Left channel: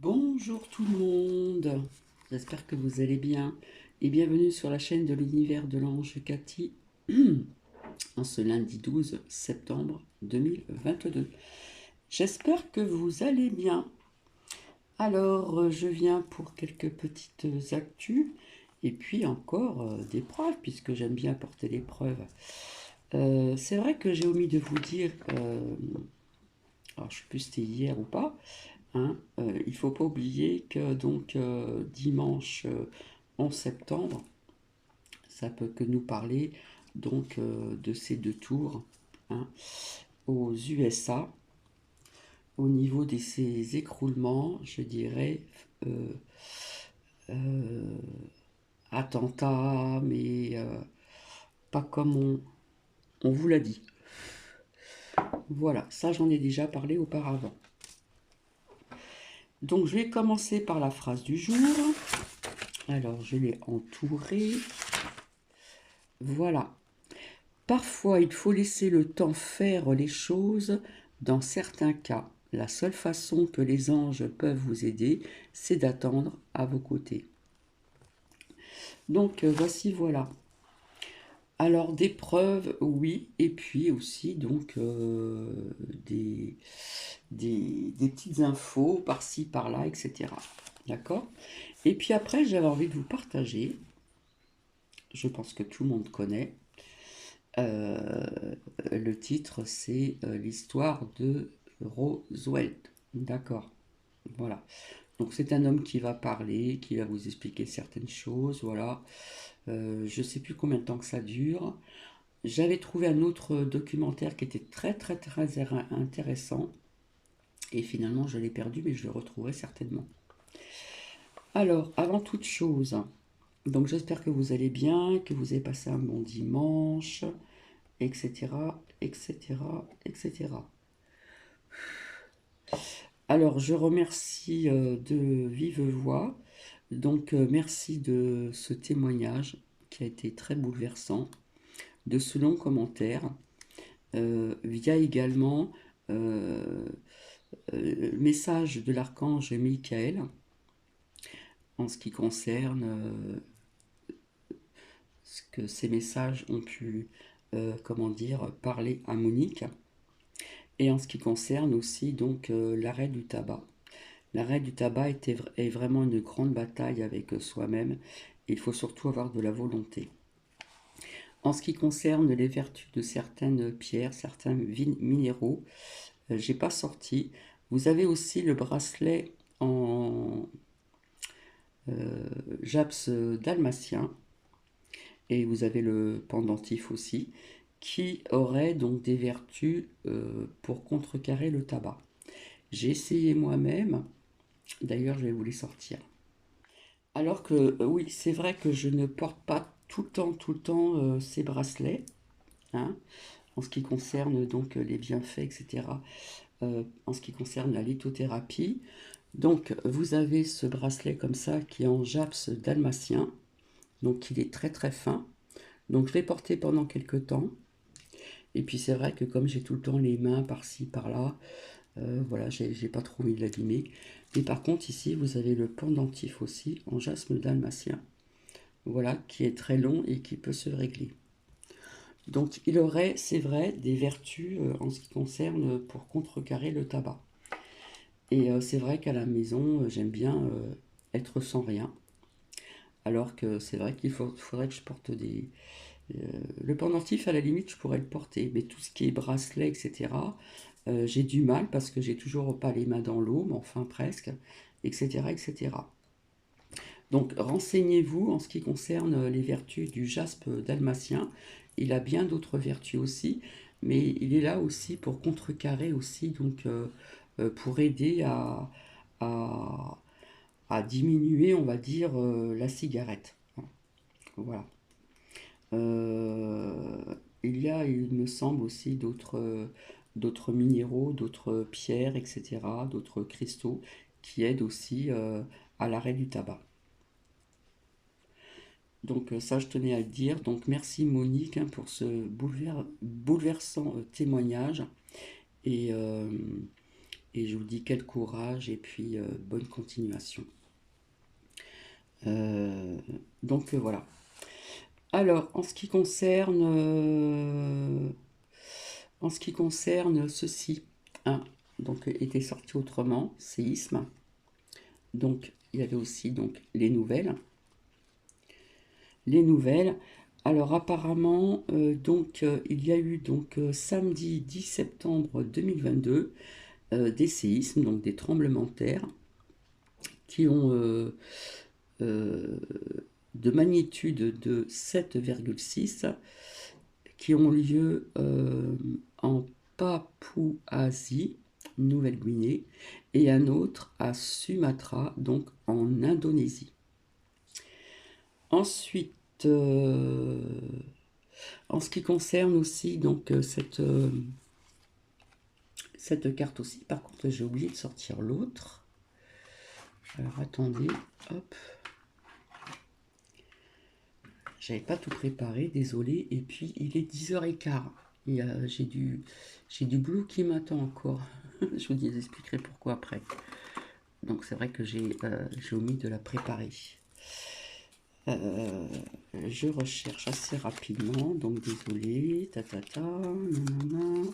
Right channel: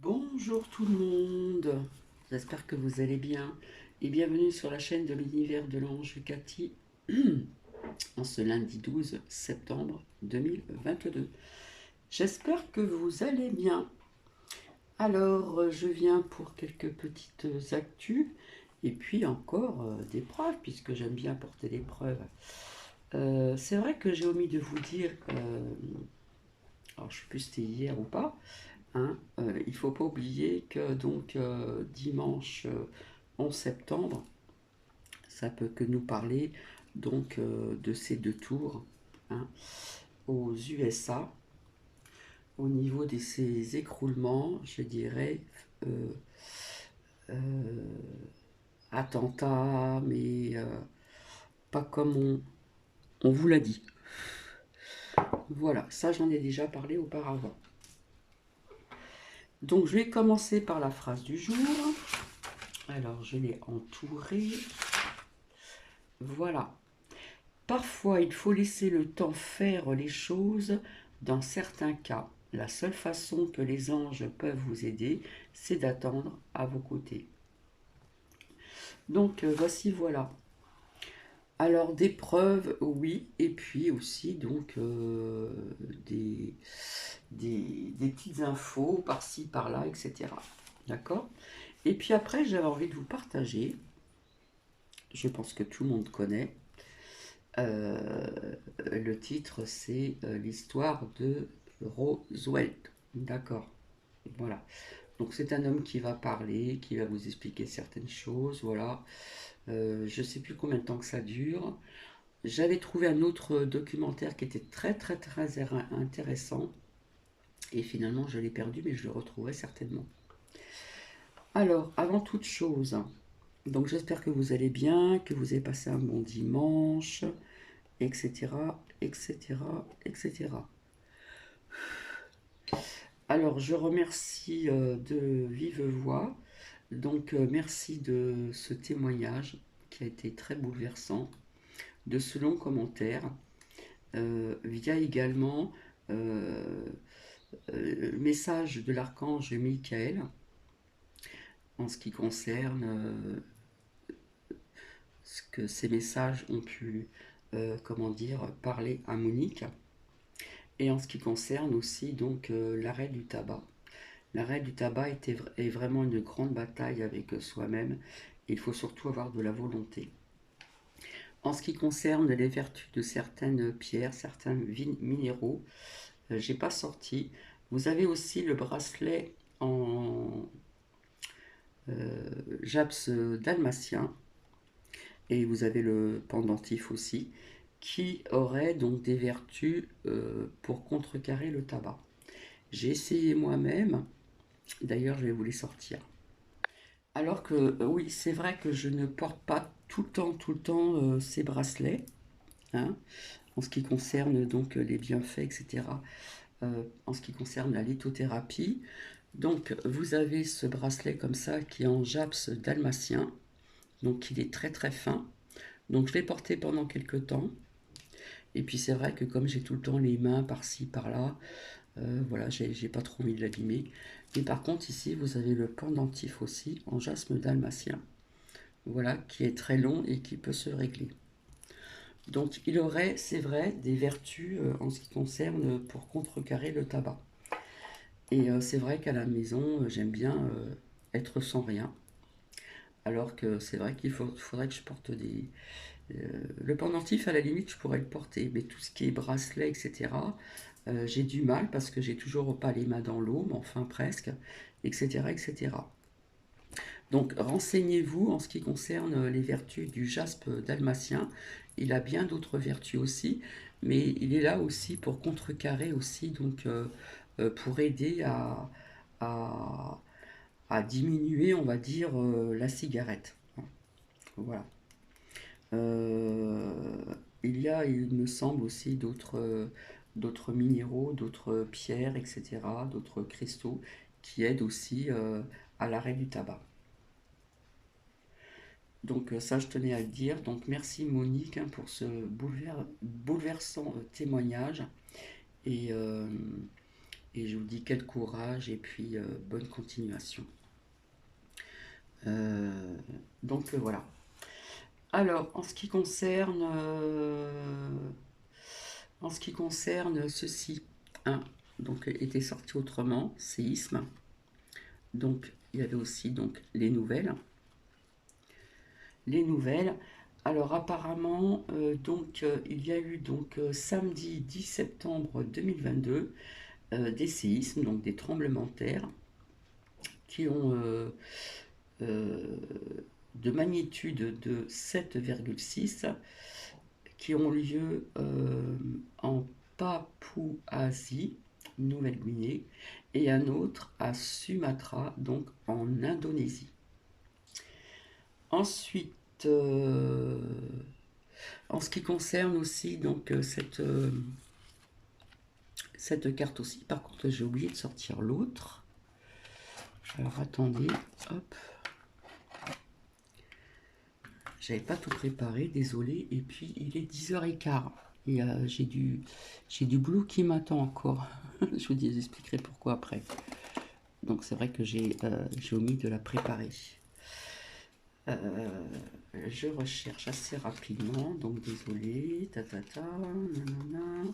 Bonjour tout le monde, j'espère que vous allez bien et bienvenue sur la chaîne de l'univers de l'ange Cathy en ce lundi 12 septembre 2022. J'espère que vous allez bien. Alors, je viens pour quelques petites actus et puis encore des preuves puisque j'aime bien apporter des preuves. C'est vrai que j'ai omis de vous dire, alors je ne sais plus si c'était hier ou pas, hein, il ne faut pas oublier que donc dimanche 11 septembre, ça peut que nous parler donc de ces deux tours, hein, aux USA. Au niveau de ces écroulements, je dirais euh, euh, attentat, mais pas comme on vous l'a dit. Voilà, ça j'en ai déjà parlé auparavant. Donc je vais commencer par la phrase du jour. Alors je l'ai entourée. Voilà. Parfois, il faut laisser le temps faire les choses. Dans certains cas, la seule façon que les anges peuvent vous aider, c'est d'attendre à vos côtés. Donc, voici, voilà. Alors, des preuves, oui, et puis aussi, donc, des, des petites infos par-ci, par-là, etc. D'accord? Et puis après, j'avais envie de vous partager, je pense que tout le monde connaît, Euh, le titre, c'est l'histoire de Roswell. D'accord. Voilà. Donc c'est un homme qui va parler, qui va vous expliquer certaines choses. Voilà. Je ne sais plus combien de temps que ça dure. J'avais trouvé un autre documentaire qui était très très très intéressant. Et finalement, je l'ai perdu, mais je le retrouverai certainement. Alors, avant toute chose, donc j'espère que vous allez bien, que vous avez passé un bon dimanche, etc., etc., etc. Alors, je remercie de vive voix. Donc, merci de ce témoignage qui a été très bouleversant, de ce long commentaire, via également euh, le message de l'archange Michael en ce qui concerne ce que ces messages ont pu, comment dire, parler à Monique, et en ce qui concerne aussi donc l'arrêt du tabac. L'arrêt du tabac est vraiment une grande bataille avec soi-même. Il faut surtout avoir de la volonté. En ce qui concerne les vertus de certaines pierres, certains minéraux, j'ai pas sorti. Vous avez aussi le bracelet en japs dalmatien et vous avez le pendentif aussi qui aurait donc des vertus pour contrecarrer le tabac. J'ai essayé moi-même, d'ailleurs je vais vous les sortir. Alors que oui, c'est vrai que je ne porte pas tout le temps ces bracelets, hein, en ce qui concerne donc les bienfaits, etc. En ce qui concerne la lithothérapie. Donc vous avez ce bracelet comme ça qui est en japs dalmatien, donc il est très très fin. Donc je l'ai porté pendant quelques temps. Et puis c'est vrai que comme j'ai tout le temps les mains par-ci par-là, voilà, j'ai pas trop envie de l'abîmer. Mais par contre ici vous avez le pendentif aussi en jasme dalmatien. Voilà, qui est très long et qui peut se régler. Donc il aurait, c'est vrai, des vertus en ce qui concerne pour contrecarrer le tabac. Et c'est vrai qu'à la maison, j'aime bien être sans rien. Alors que c'est vrai faudrait que je porte des... le pendentif, à la limite, je pourrais le porter. Mais tout ce qui est bracelet, etc., j'ai du mal parce que j'ai toujours pas les mains dans l'eau, mais enfin presque, etc., etc. Donc renseignez-vous en ce qui concerne les vertus du jaspe dalmatien. Il a bien d'autres vertus aussi, mais il est là aussi pour contrecarrer aussi, donc pour aider à, à diminuer, on va dire, la cigarette. Voilà. Euh, il y a, il me semble aussi, d'autres minéraux, d'autres pierres, etc., d'autres cristaux qui aident aussi à l'arrêt du tabac. Donc ça, je tenais à le dire. Donc merci Monique hein, pour ce bouleversant témoignage. Et, euh, Et je vous dis quel courage et puis bonne continuation. Voilà. Alors, en ce qui concerne ceci, hein, donc était sorti autrement, séisme. Donc, il y avait aussi donc les nouvelles. Les nouvelles. Alors, apparemment, il y a eu samedi 10 septembre 2022 des séismes, donc des tremblements de terre, qui ont de magnitude de 7,6 qui ont lieu en Papouasie, Nouvelle-Guinée, et un autre à Sumatra, donc en Indonésie. Ensuite, en ce qui concerne aussi cette carte aussi, par contre j'ai oublié de sortir l'autre. Alors attendez, hop. J'avais pas tout préparé, désolé. Et puis il est 10h15. Et j'ai du blue qui m'attend encore. Je vous expliquerai pourquoi après. Donc c'est vrai que j'ai omis de la préparer. Je recherche assez rapidement, donc désolé. Nanana.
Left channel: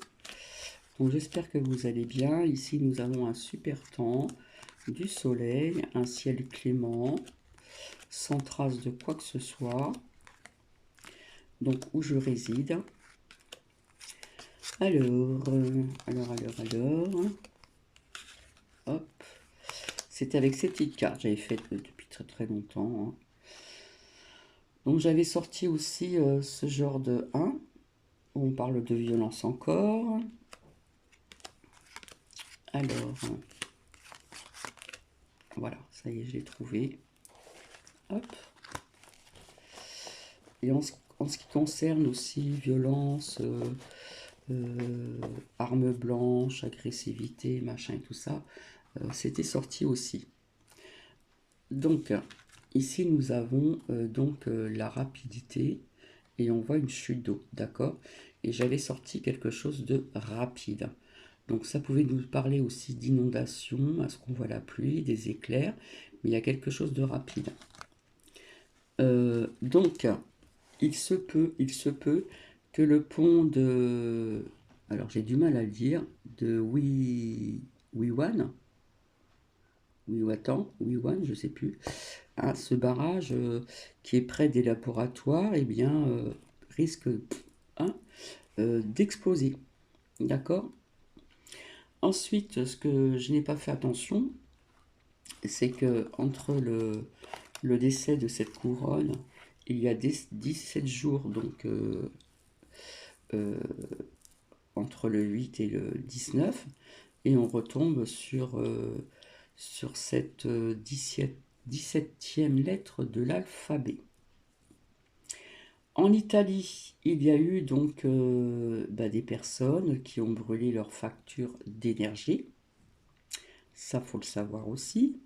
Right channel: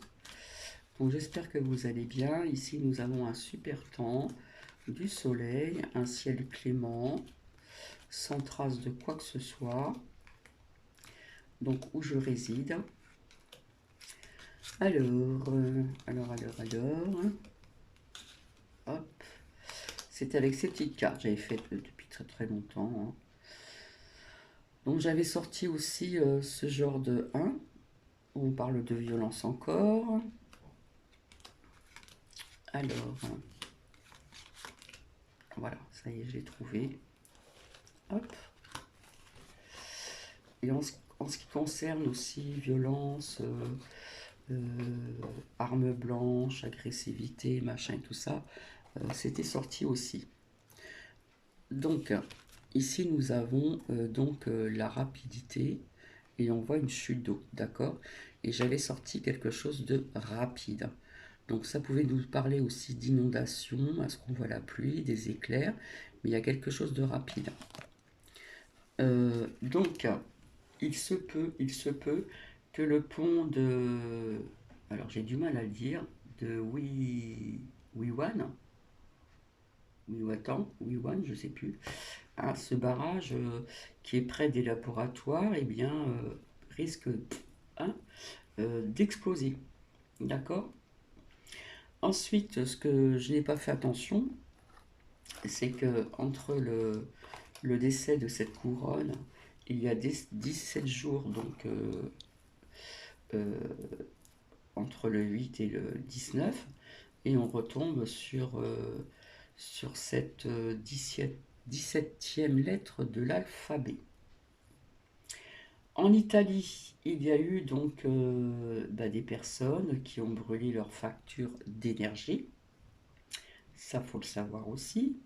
Donc j'espère que vous allez bien. Ici nous avons un super temps, du soleil, un ciel clément, sans trace de quoi que ce soit. Donc où je réside. Alors. Hop. C'était avec ces petites cartes, j'avais fait depuis très très longtemps. Hein. Donc j'avais sorti aussi ce genre de 1, où on parle de violence encore. Alors, voilà, ça y est, je l'ai trouvé. Hop. Et en ce qui concerne aussi violence, arme blanche, agressivité, machin et tout ça, c'était sorti aussi. Donc, ici nous avons la rapidité et on voit une chute d'eau, d'accord? Et j'avais sorti quelque chose de rapide. Donc ça pouvait nous parler aussi d'inondation, à ce qu'on voit la pluie, des éclairs, mais il y a quelque chose de rapide. Donc, il se peut que le pont de... Alors j'ai du mal à le dire, de Wiwan, Wiwan, je sais plus, hein, ce barrage qui est près des laboratoires, eh bien, risque hein, d'exploser. D'accord? Ensuite, ce que je n'ai pas fait attention, c'est que entre le décès de cette couronne, il y a 17 jours, donc entre le 8 et le 19, et on retombe sur cette 17e lettre de l'alphabet. En Italie, il y a eu des personnes qui ont brûlé leurs factures d'énergie. Ça, faut le savoir aussi.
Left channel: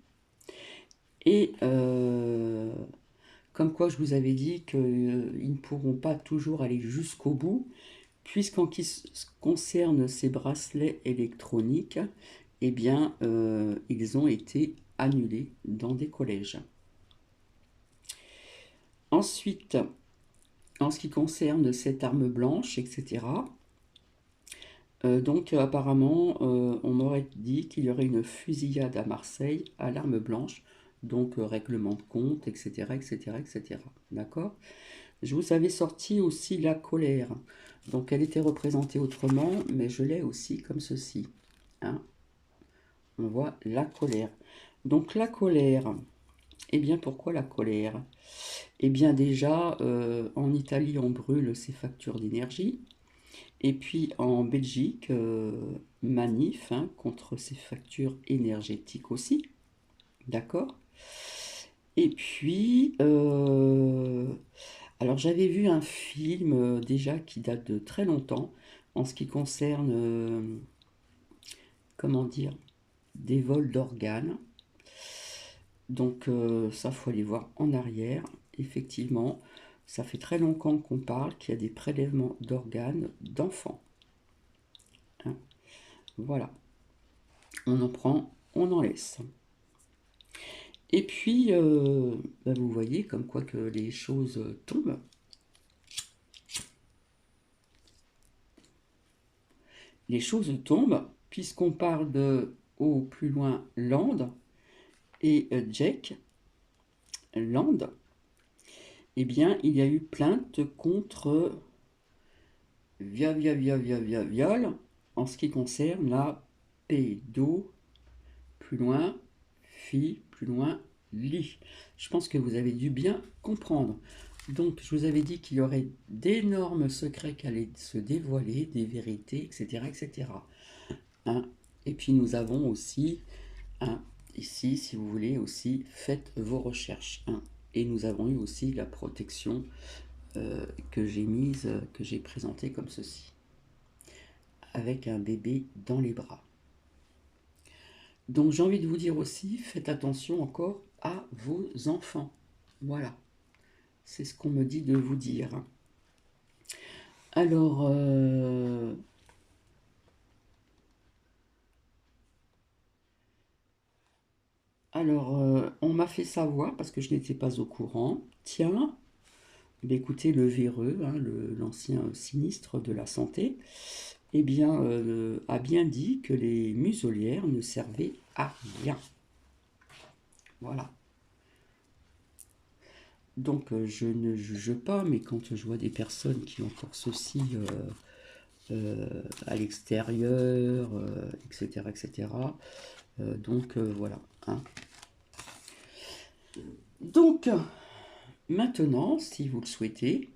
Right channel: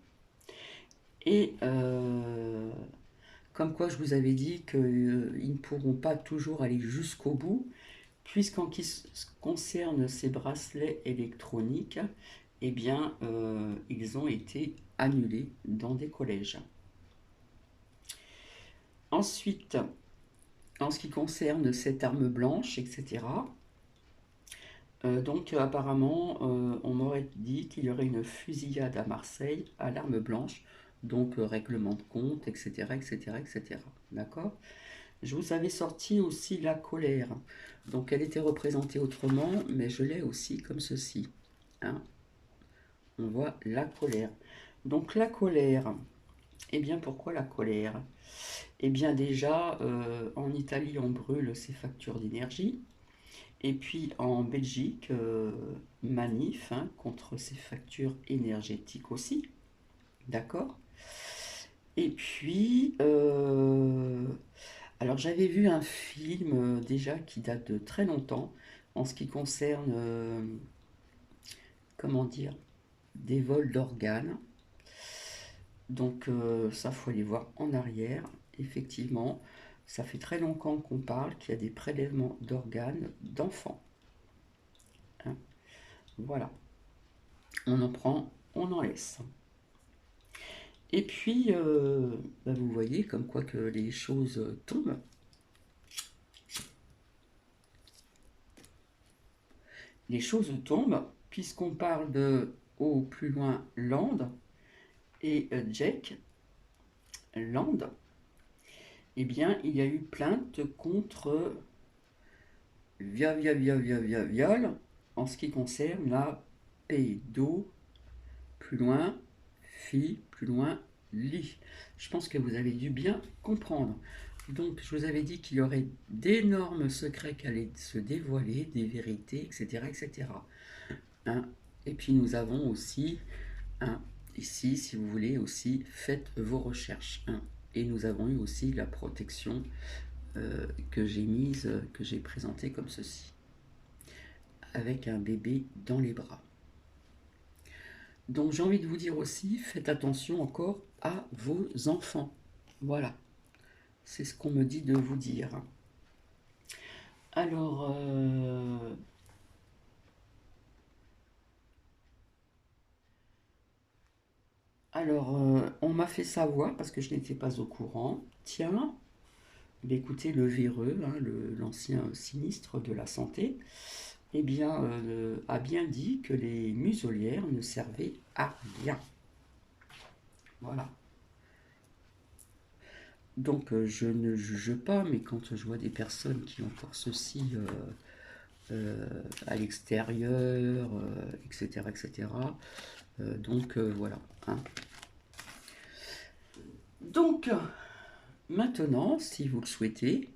Et comme quoi je vous avais dit qu'ils ne pourront pas toujours aller jusqu'au bout, puisqu'en ce qui concerne ces bracelets électroniques, eh bien, ils ont été annulés dans des collèges. Ensuite, en ce qui concerne cette arme blanche, etc., apparemment, on m'aurait dit qu'il y aurait une fusillade à Marseille à l'arme blanche, donc règlement de compte, etc., etc., etc. D'accord? Je vous avais sorti aussi la colère. Donc elle était représentée autrement, mais je l'ai aussi comme ceci. Hein? On voit la colère. Donc la colère, eh bien pourquoi la colère? Eh bien déjà, en Italie, on brûle ses factures d'énergie. Et puis en Belgique, manif hein, contre ces factures énergétiques aussi. D'accord? Et puis, alors j'avais vu un film déjà qui date de très longtemps en ce qui concerne, comment dire, des vols d'organes. Donc ça, faut aller voir en arrière. Effectivement, ça fait très longtemps qu'on parle qu'il y a des prélèvements d'organes d'enfants. Hein, voilà. On en prend, on en laisse. Et puis, vous voyez comme quoi que les choses tombent. Les choses tombent, puisqu'on parle de au plus loin Land et Jack Land. Eh bien, il y a eu plainte contre viol en ce qui concerne la pédo, plus loin, fille, plus loin, lit. Je pense que vous avez dû bien comprendre. Donc, je vous avais dit qu'il y aurait d'énormes secrets qui allaient se dévoiler, des vérités, etc., etc. Hein. Et puis, nous avons aussi, hein, ici, si vous voulez, aussi, faites vos recherches. Hein. Et nous avons eu aussi la protection que j'ai mise, que j'ai présentée comme ceci, avec un bébé dans les bras. Donc j'ai envie de vous dire aussi, faites attention encore à vos enfants. Voilà, c'est ce qu'on me dit de vous dire. Alors, on m'a fait savoir, parce que je n'étais pas au courant, tiens, écoutez, le véreux, hein, l'ancien sinistre de la santé, eh bien, a bien dit que les muselières ne servaient à rien. Voilà. Donc, je ne juge pas, mais quand je vois des personnes qui ont encore ceci à l'extérieur, etc., etc., voilà. Hein. Donc, maintenant, si vous le souhaitez,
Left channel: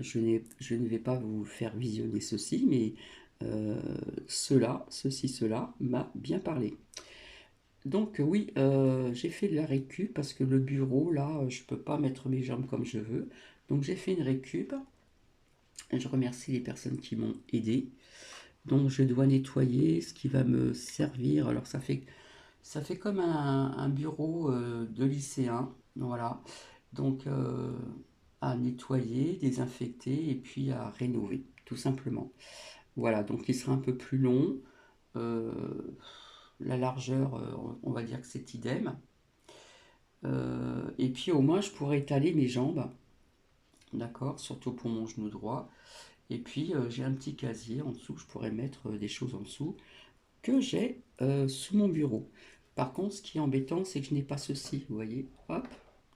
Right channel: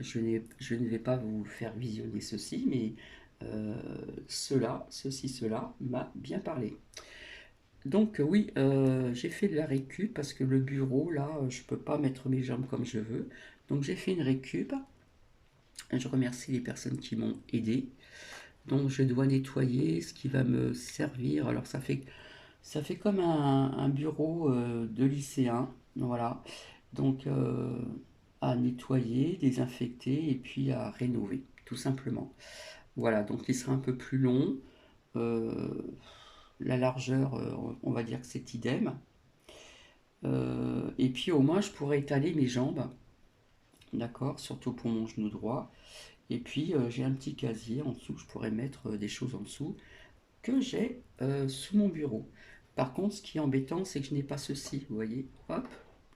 je ne vais pas vous faire visionner ceci, mais cela m'a bien parlé. Donc oui, j'ai fait de la récup parce que le bureau, là, je peux pas mettre mes jambes comme je veux. Donc j'ai fait une récup. Je remercie les personnes qui m'ont aidé. Donc je dois nettoyer ce qui va me servir. Alors ça fait comme un bureau de lycéen. Voilà. Donc à nettoyer, désinfecter et puis à rénover, tout simplement. Voilà, donc il sera un peu plus long. Euh, la largeur, on va dire que c'est idem. Et puis au moins je pourrais étaler mes jambes, d'accord, surtout pour mon genou droit. Et puis j'ai un petit casier en dessous, je pourrais mettre des choses en dessous que j'ai sous mon bureau. Par contre, ce qui est embêtant, c'est que je n'ai pas ceci, vous voyez, hop,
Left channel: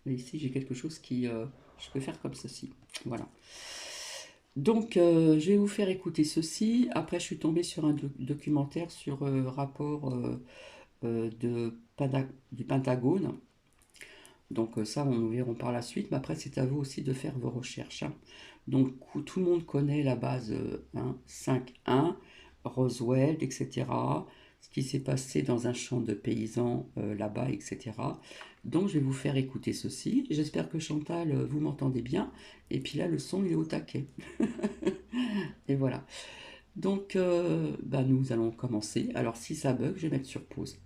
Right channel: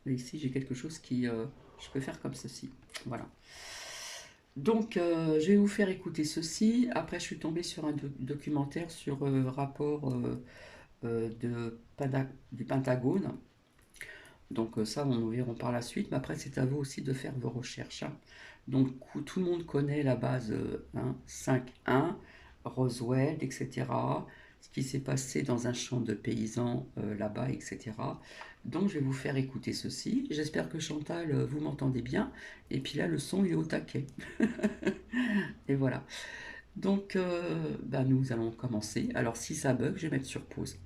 et ici j'ai quelque chose qui, je peux faire comme ceci, voilà. Donc, je vais vous faire écouter ceci. Après, je suis tombée sur un documentaire sur rapport du Pentagone. Donc ça, on nous verrons par la suite, mais après, c'est à vous aussi de faire vos recherches. Hein. Donc, tout le monde connaît la base 5.1, Roswell, etc. Ce qui s'est passé dans un champ de paysans là-bas, etc. Donc, je vais vous faire écouter ceci. J'espère que Chantal, vous m'entendez bien. Et puis là, le son, il est au taquet. Et voilà. Donc, nous allons commencer. Alors, si ça bug, je vais mettre sur pause.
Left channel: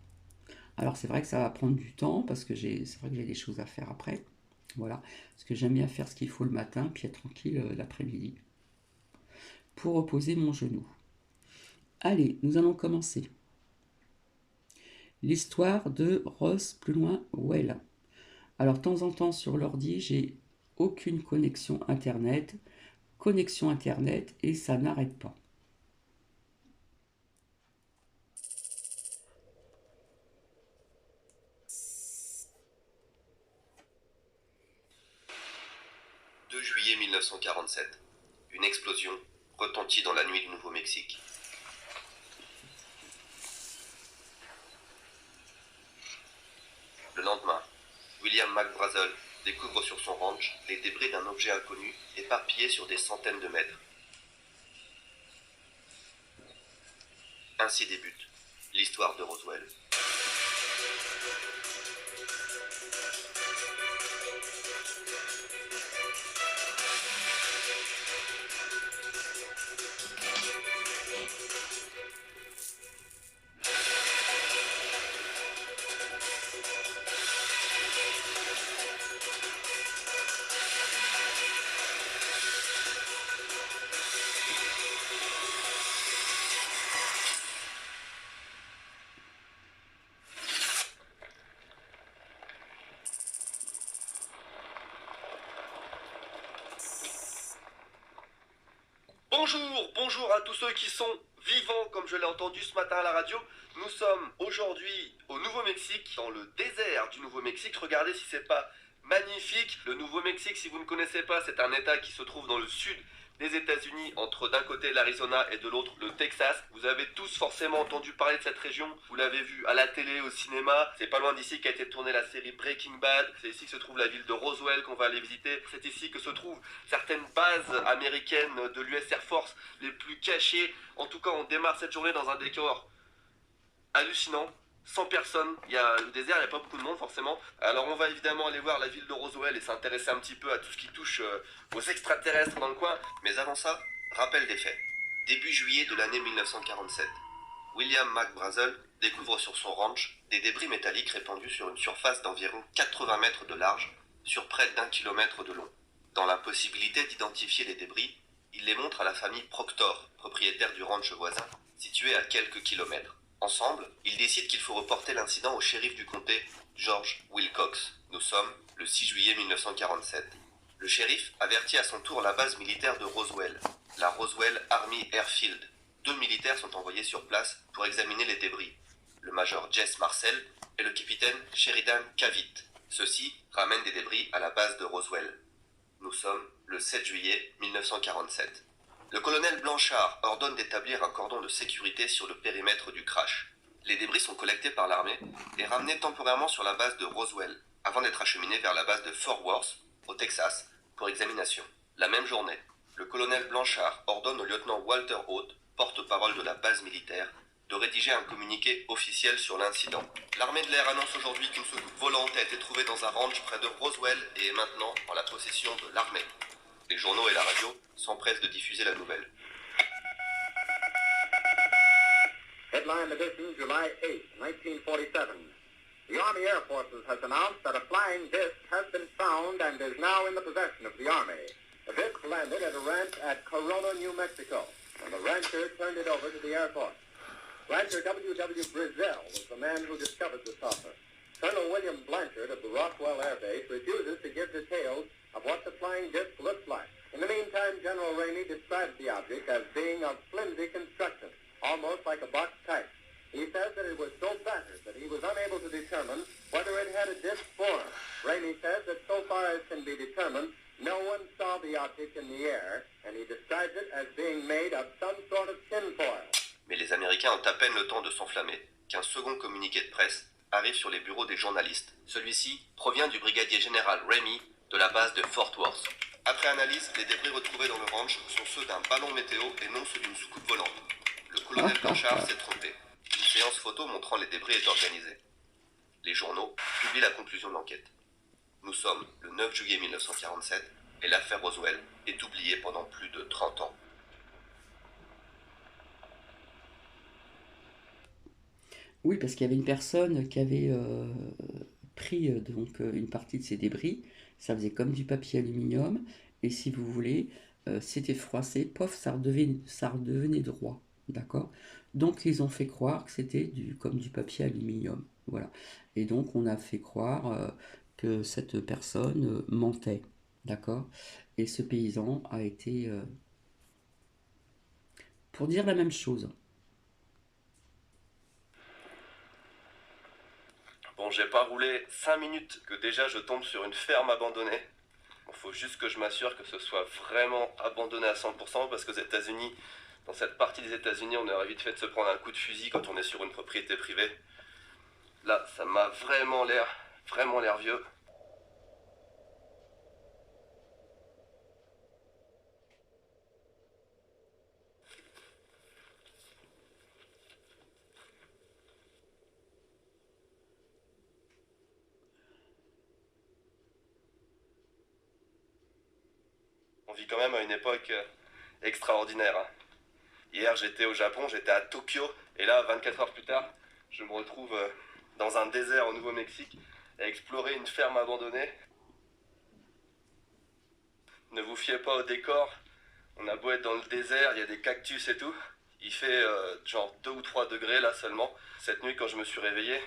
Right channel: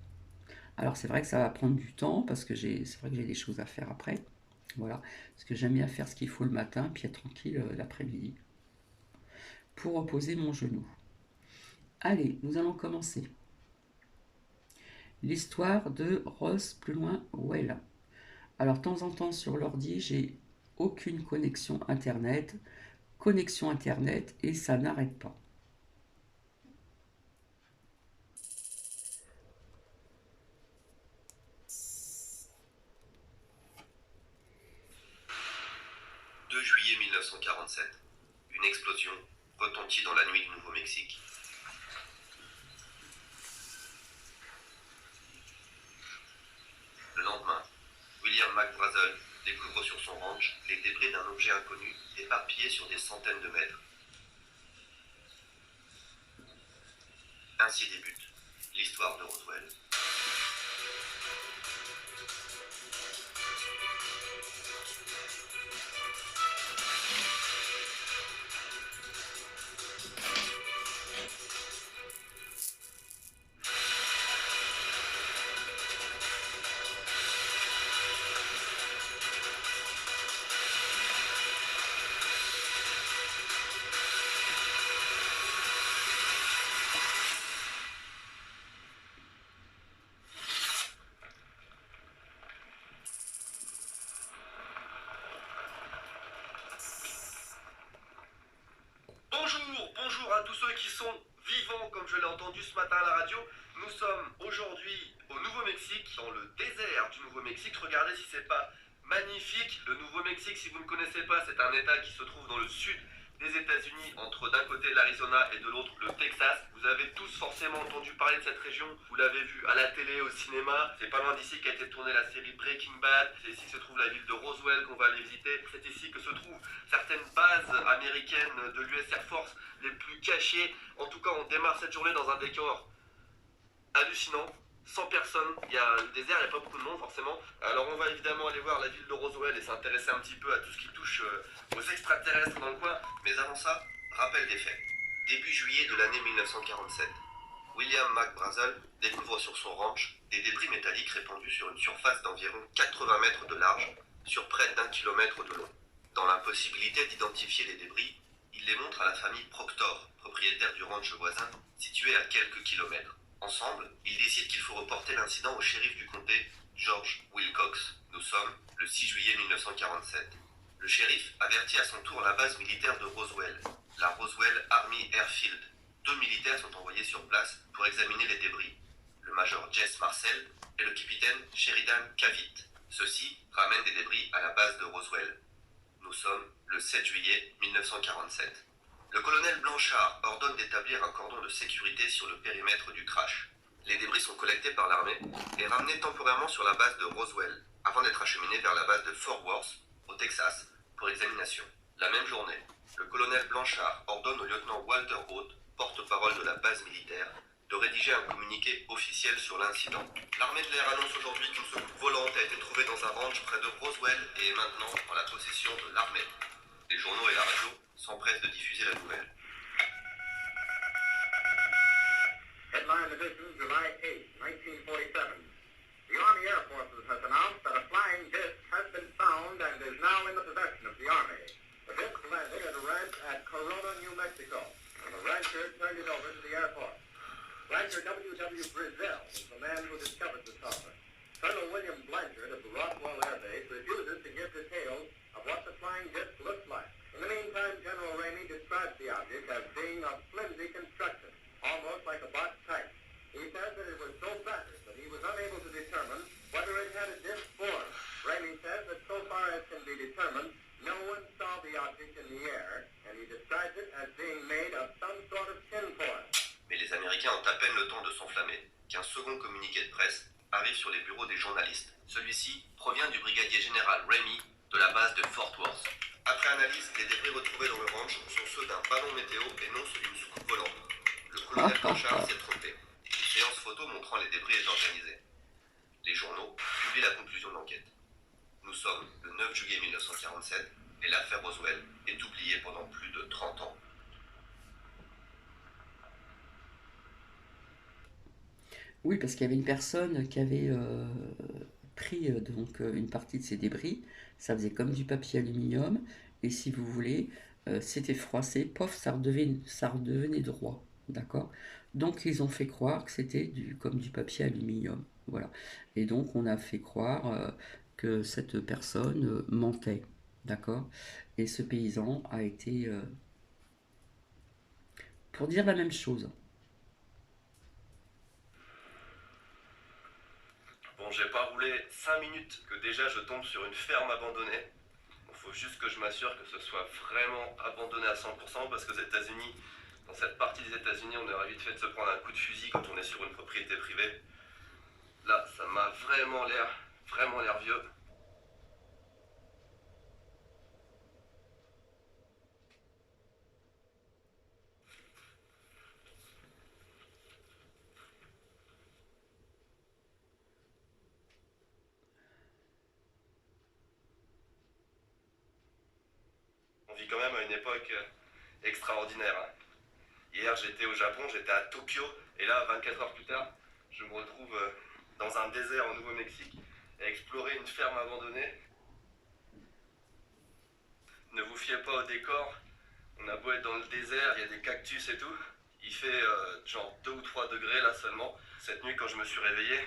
Alors c'est vrai que ça va prendre du temps parce que c'est vrai que j'ai des choses à faire après. Voilà. Parce que j'aime bien faire ce qu'il faut le matin, puis être tranquille l'après-midi pour reposer mon genou. Allez, nous allons commencer. L'histoire de Ross plus loin Well. Alors de temps en temps sur l'ordi, j'ai aucune connexion internet et ça n'arrête pas. « 2 juillet 1947. Une explosion retentit dans la nuit du Nouveau-Mexique. Le lendemain, William McBrazel découvre sur son ranch les débris d'un objet inconnu éparpillés sur des centaines de mètres. Ainsi débute l'histoire de Roswell. Bonjour à tous ceux qui sont vivants, comme je l'ai entendu ce matin à la radio. Nous sommes aujourd'hui au Nouveau-Mexique, dans le désert du Nouveau-Mexique. Regardez si c'est pas magnifique. Le Nouveau-Mexique, si vous ne connaissez pas, c'est un état qui se trouve dans le sud des États-Unis, entre d'un côté l'Arizona et de l'autre le Texas. Vous avez tous forcément entendu parler de cette région, vous l'avez vu à la télé, au cinéma. C'est pas loin d'ici qu'a été tournée la série Breaking Bad. C'est ici que se trouve la ville de Roswell qu'on va aller visiter. C'est ici que se trouvent certaines bases américaines de l'US Air Force les plus cachées. En tout cas, on démarre cette journée dans un décor hallucinant. 100 personnes, il y a le désert, il n'y a pas beaucoup de monde forcément. Alors on va évidemment aller voir la ville de Roswell et s'intéresser un petit peu à tout ce qui touche aux extraterrestres dans le coin. Mais avant ça, rappel des faits. Début juillet de l'année 1947, William McBrazel découvre sur son ranch des débris métalliques répandus sur une surface d'environ 80 mètres de large sur près d'1 kilomètre de long. Dans l'impossibilité d'identifier les débris, il les montre à la famille Proctor, propriétaire du ranch voisin, situé à quelques kilomètres. Ensemble, ils décident qu'il faut reporter l'incident au shérif du comté, George Wilcox. Nous sommes le 6 juillet 1947. Le shérif avertit à son tour la base militaire de Roswell, la Roswell Army Airfield. 2 militaires sont envoyés sur place pour examiner les débris, le major Jess Marcel et le capitaine Sheridan Cavitt. Ceux-ci ramènent des débris à la base de Roswell. Nous sommes le 7 juillet 1947. Le colonel Blanchard ordonne d'établir un cordon de sécurité sur le périmètre du crash. Les débris sont collectés par l'armée et ramenés temporairement sur la base de Roswell, avant d'être acheminés vers la base de Fort Worth, au Texas, pour examination. La même journée, le colonel Blanchard ordonne au lieutenant Walter Haute, porte-parole de la base militaire, de rédiger un communiqué officiel sur l'incident. L'armée de l'air annonce aujourd'hui qu'une soucoupe volante a été trouvée dans un ranch près de Roswell et est maintenant en la possession de l'armée. Les journaux et la radio s'empressent de diffuser la nouvelle. Headline edition, July 8, 1947. The Army Air Forces has announced that a flying disc has been found and is now in the possession of the Army. The disc landed at a ranch at Corona, New Mexico, and the rancher turned it over to the Air Force. Rancher W.W. Brazil was the man who discovered the saucer. Colonel William Blanchard of the Rockwell Air Base refuses to give details of what the flying disc looks like. In the meantime, General Ramey describes the object as being of flimsy construction, almost like a box type. He says that it was so battered that he was unable to determine whether it had a disc form. Ramey says that so far as can be determined, no one saw the object in the air, and he describes it as being made of some sort of tinfoil. Mais les Américains ont à peine le temps de s'enflammer qu'un second communiqué de presse arrive sur les bureaux des journalistes. Celui-ci provient du brigadier général Ramey de la base de Fort Worth. Après analyse, les débris retrouvés dans le ranch sont ceux d'un ballon météo et non ceux d'une soucoupe volante. Le colonel Blanchard s'est trompé. Une séance photo montrant les débris est organisée. Les journaux publient la conclusion de l'enquête. Nous sommes le 9 juillet 1947 et l'affaire Roswell est oubliée pendant plus de 30 ans. Oui, parce qu'il y avait une personne qui avait pris une partie de ces débris. Ça faisait comme du papier aluminium. Et si vous voulez, c'était froissé. Pof, ça redevenait droit. D'accord? Donc, ils ont fait croire que c'était comme du papier aluminium. Voilà. Et donc, on a fait croire que cette personne mentait. D'accord? Et ce paysan a été pour dire la même chose. Bon, j'ai pas roulé 5 minutes que déjà je tombe sur une ferme abandonnée. Il faut juste que je m'assure que ce soit vraiment abandonné à 100% parce qu'aux États-Unis, dans cette partie des États-Unis, on aurait vite fait de se prendre un coup de fusil quand on est sur une propriété privée. Là, ça m'a vraiment l'air vieux. On vit quand même à une époque extraordinaire. Hein. Hier, j'étais au Japon, j'étais à Tokyo, et là, 24 heures plus tard, je me retrouve dans un désert au Nouveau-Mexique à explorer une ferme abandonnée. Ne vous fiez pas au décor, on a beau être dans le désert, il y a des cactus et tout. Il fait genre 2 ou 3 degrés là seulement. Cette nuit, quand je me suis réveillé,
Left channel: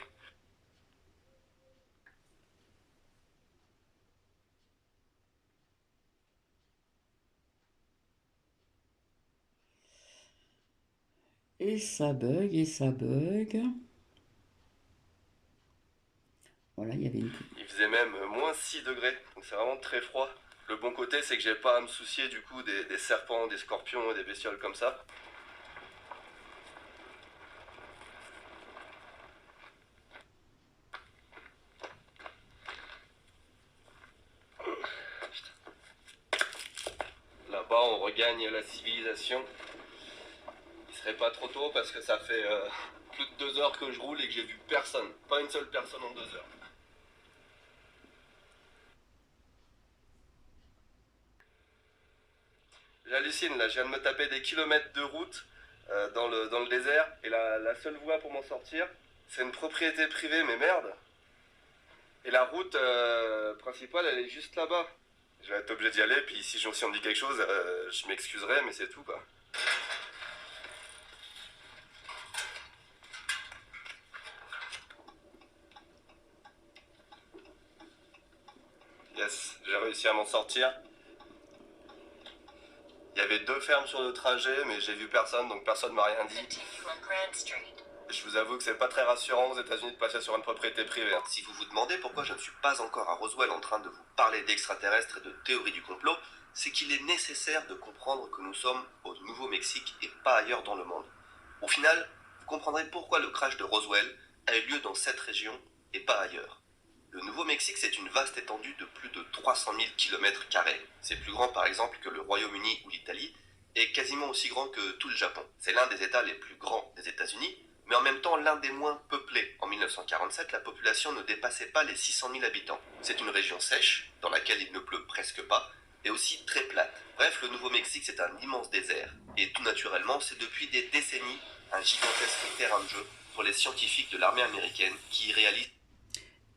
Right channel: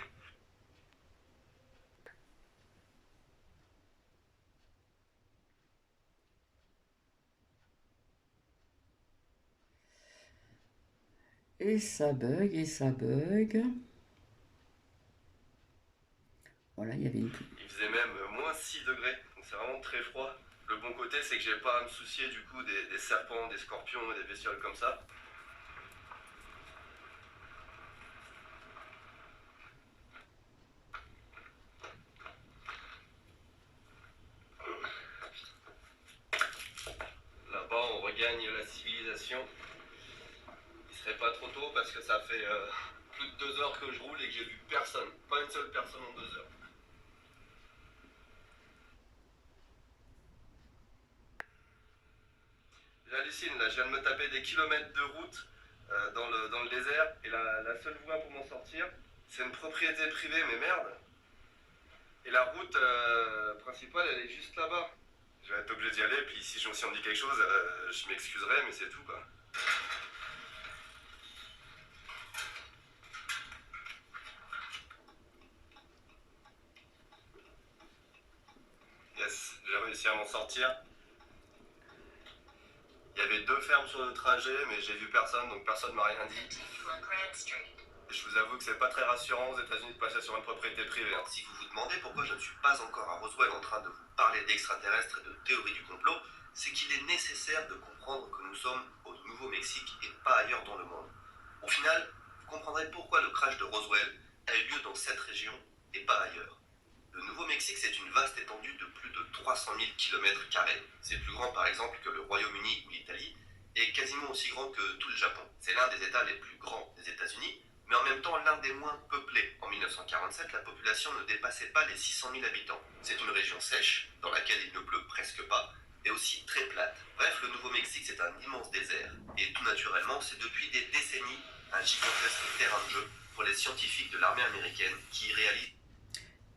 Et ça bug, et ça bug. Voilà, il y avait une... Il faisait même moins 6 degrés, donc c'est vraiment très froid. Le bon côté, c'est que j'ai pas à me soucier du coup des serpents, des scorpions et des bestioles comme ça. Là-bas, on regagne la civilisation. Il serait pas trop tôt parce que ça fait plus de 2 heures que je roule et que j'ai vu personne. Pas une seule personne en 2 heures. J'hallucine là, je viens de me taper des kilomètres de route dans le désert et la seule voie pour m'en sortir, c'est une propriété privée, mais merde. Et la route principale, elle est juste là-bas. Je vais être obligé d'y aller, puis si on me dit quelque chose, je m'excuserai, mais c'est tout quoi. Yes, j'ai réussi à m'en sortir. Il y avait 2 fermes sur le trajet, mais j'ai vu personne, donc personne m'a rien dit. Et je vous avoue que c'est pas très rassurant aux États-Unis de passer sur une propriété privée. Si vous vous demandez pourquoi je ne suis pas encore à Roswell en train de vous parler d'extraterrestres et de théories du complot, c'est qu'il est nécessaire de comprendre que nous sommes au Nouveau-Mexique et pas ailleurs dans le monde. Au final, vous comprendrez pourquoi le crash de Roswell a eu lieu dans cette région et pas ailleurs. Le Nouveau-Mexique, c'est une vaste étendue de plus de 300 000 km². C'est plus grand par exemple que le Royaume-Uni ou l'Italie, et quasiment aussi grand que tout le Japon. C'est l'un des États les plus grands des États-Unis, mais en même temps l'un des moins peuplés. En 1947, la population ne dépassait pas les 600 000 habitants. C'est une région sèche, dans laquelle il ne pleut presque pas, et aussi très plate. Bref, le Nouveau-Mexique, c'est un immense désert, et tout naturellement, c'est depuis des décennies un gigantesque terrain de jeu pour les scientifiques de l'armée américaine qui y réalisent.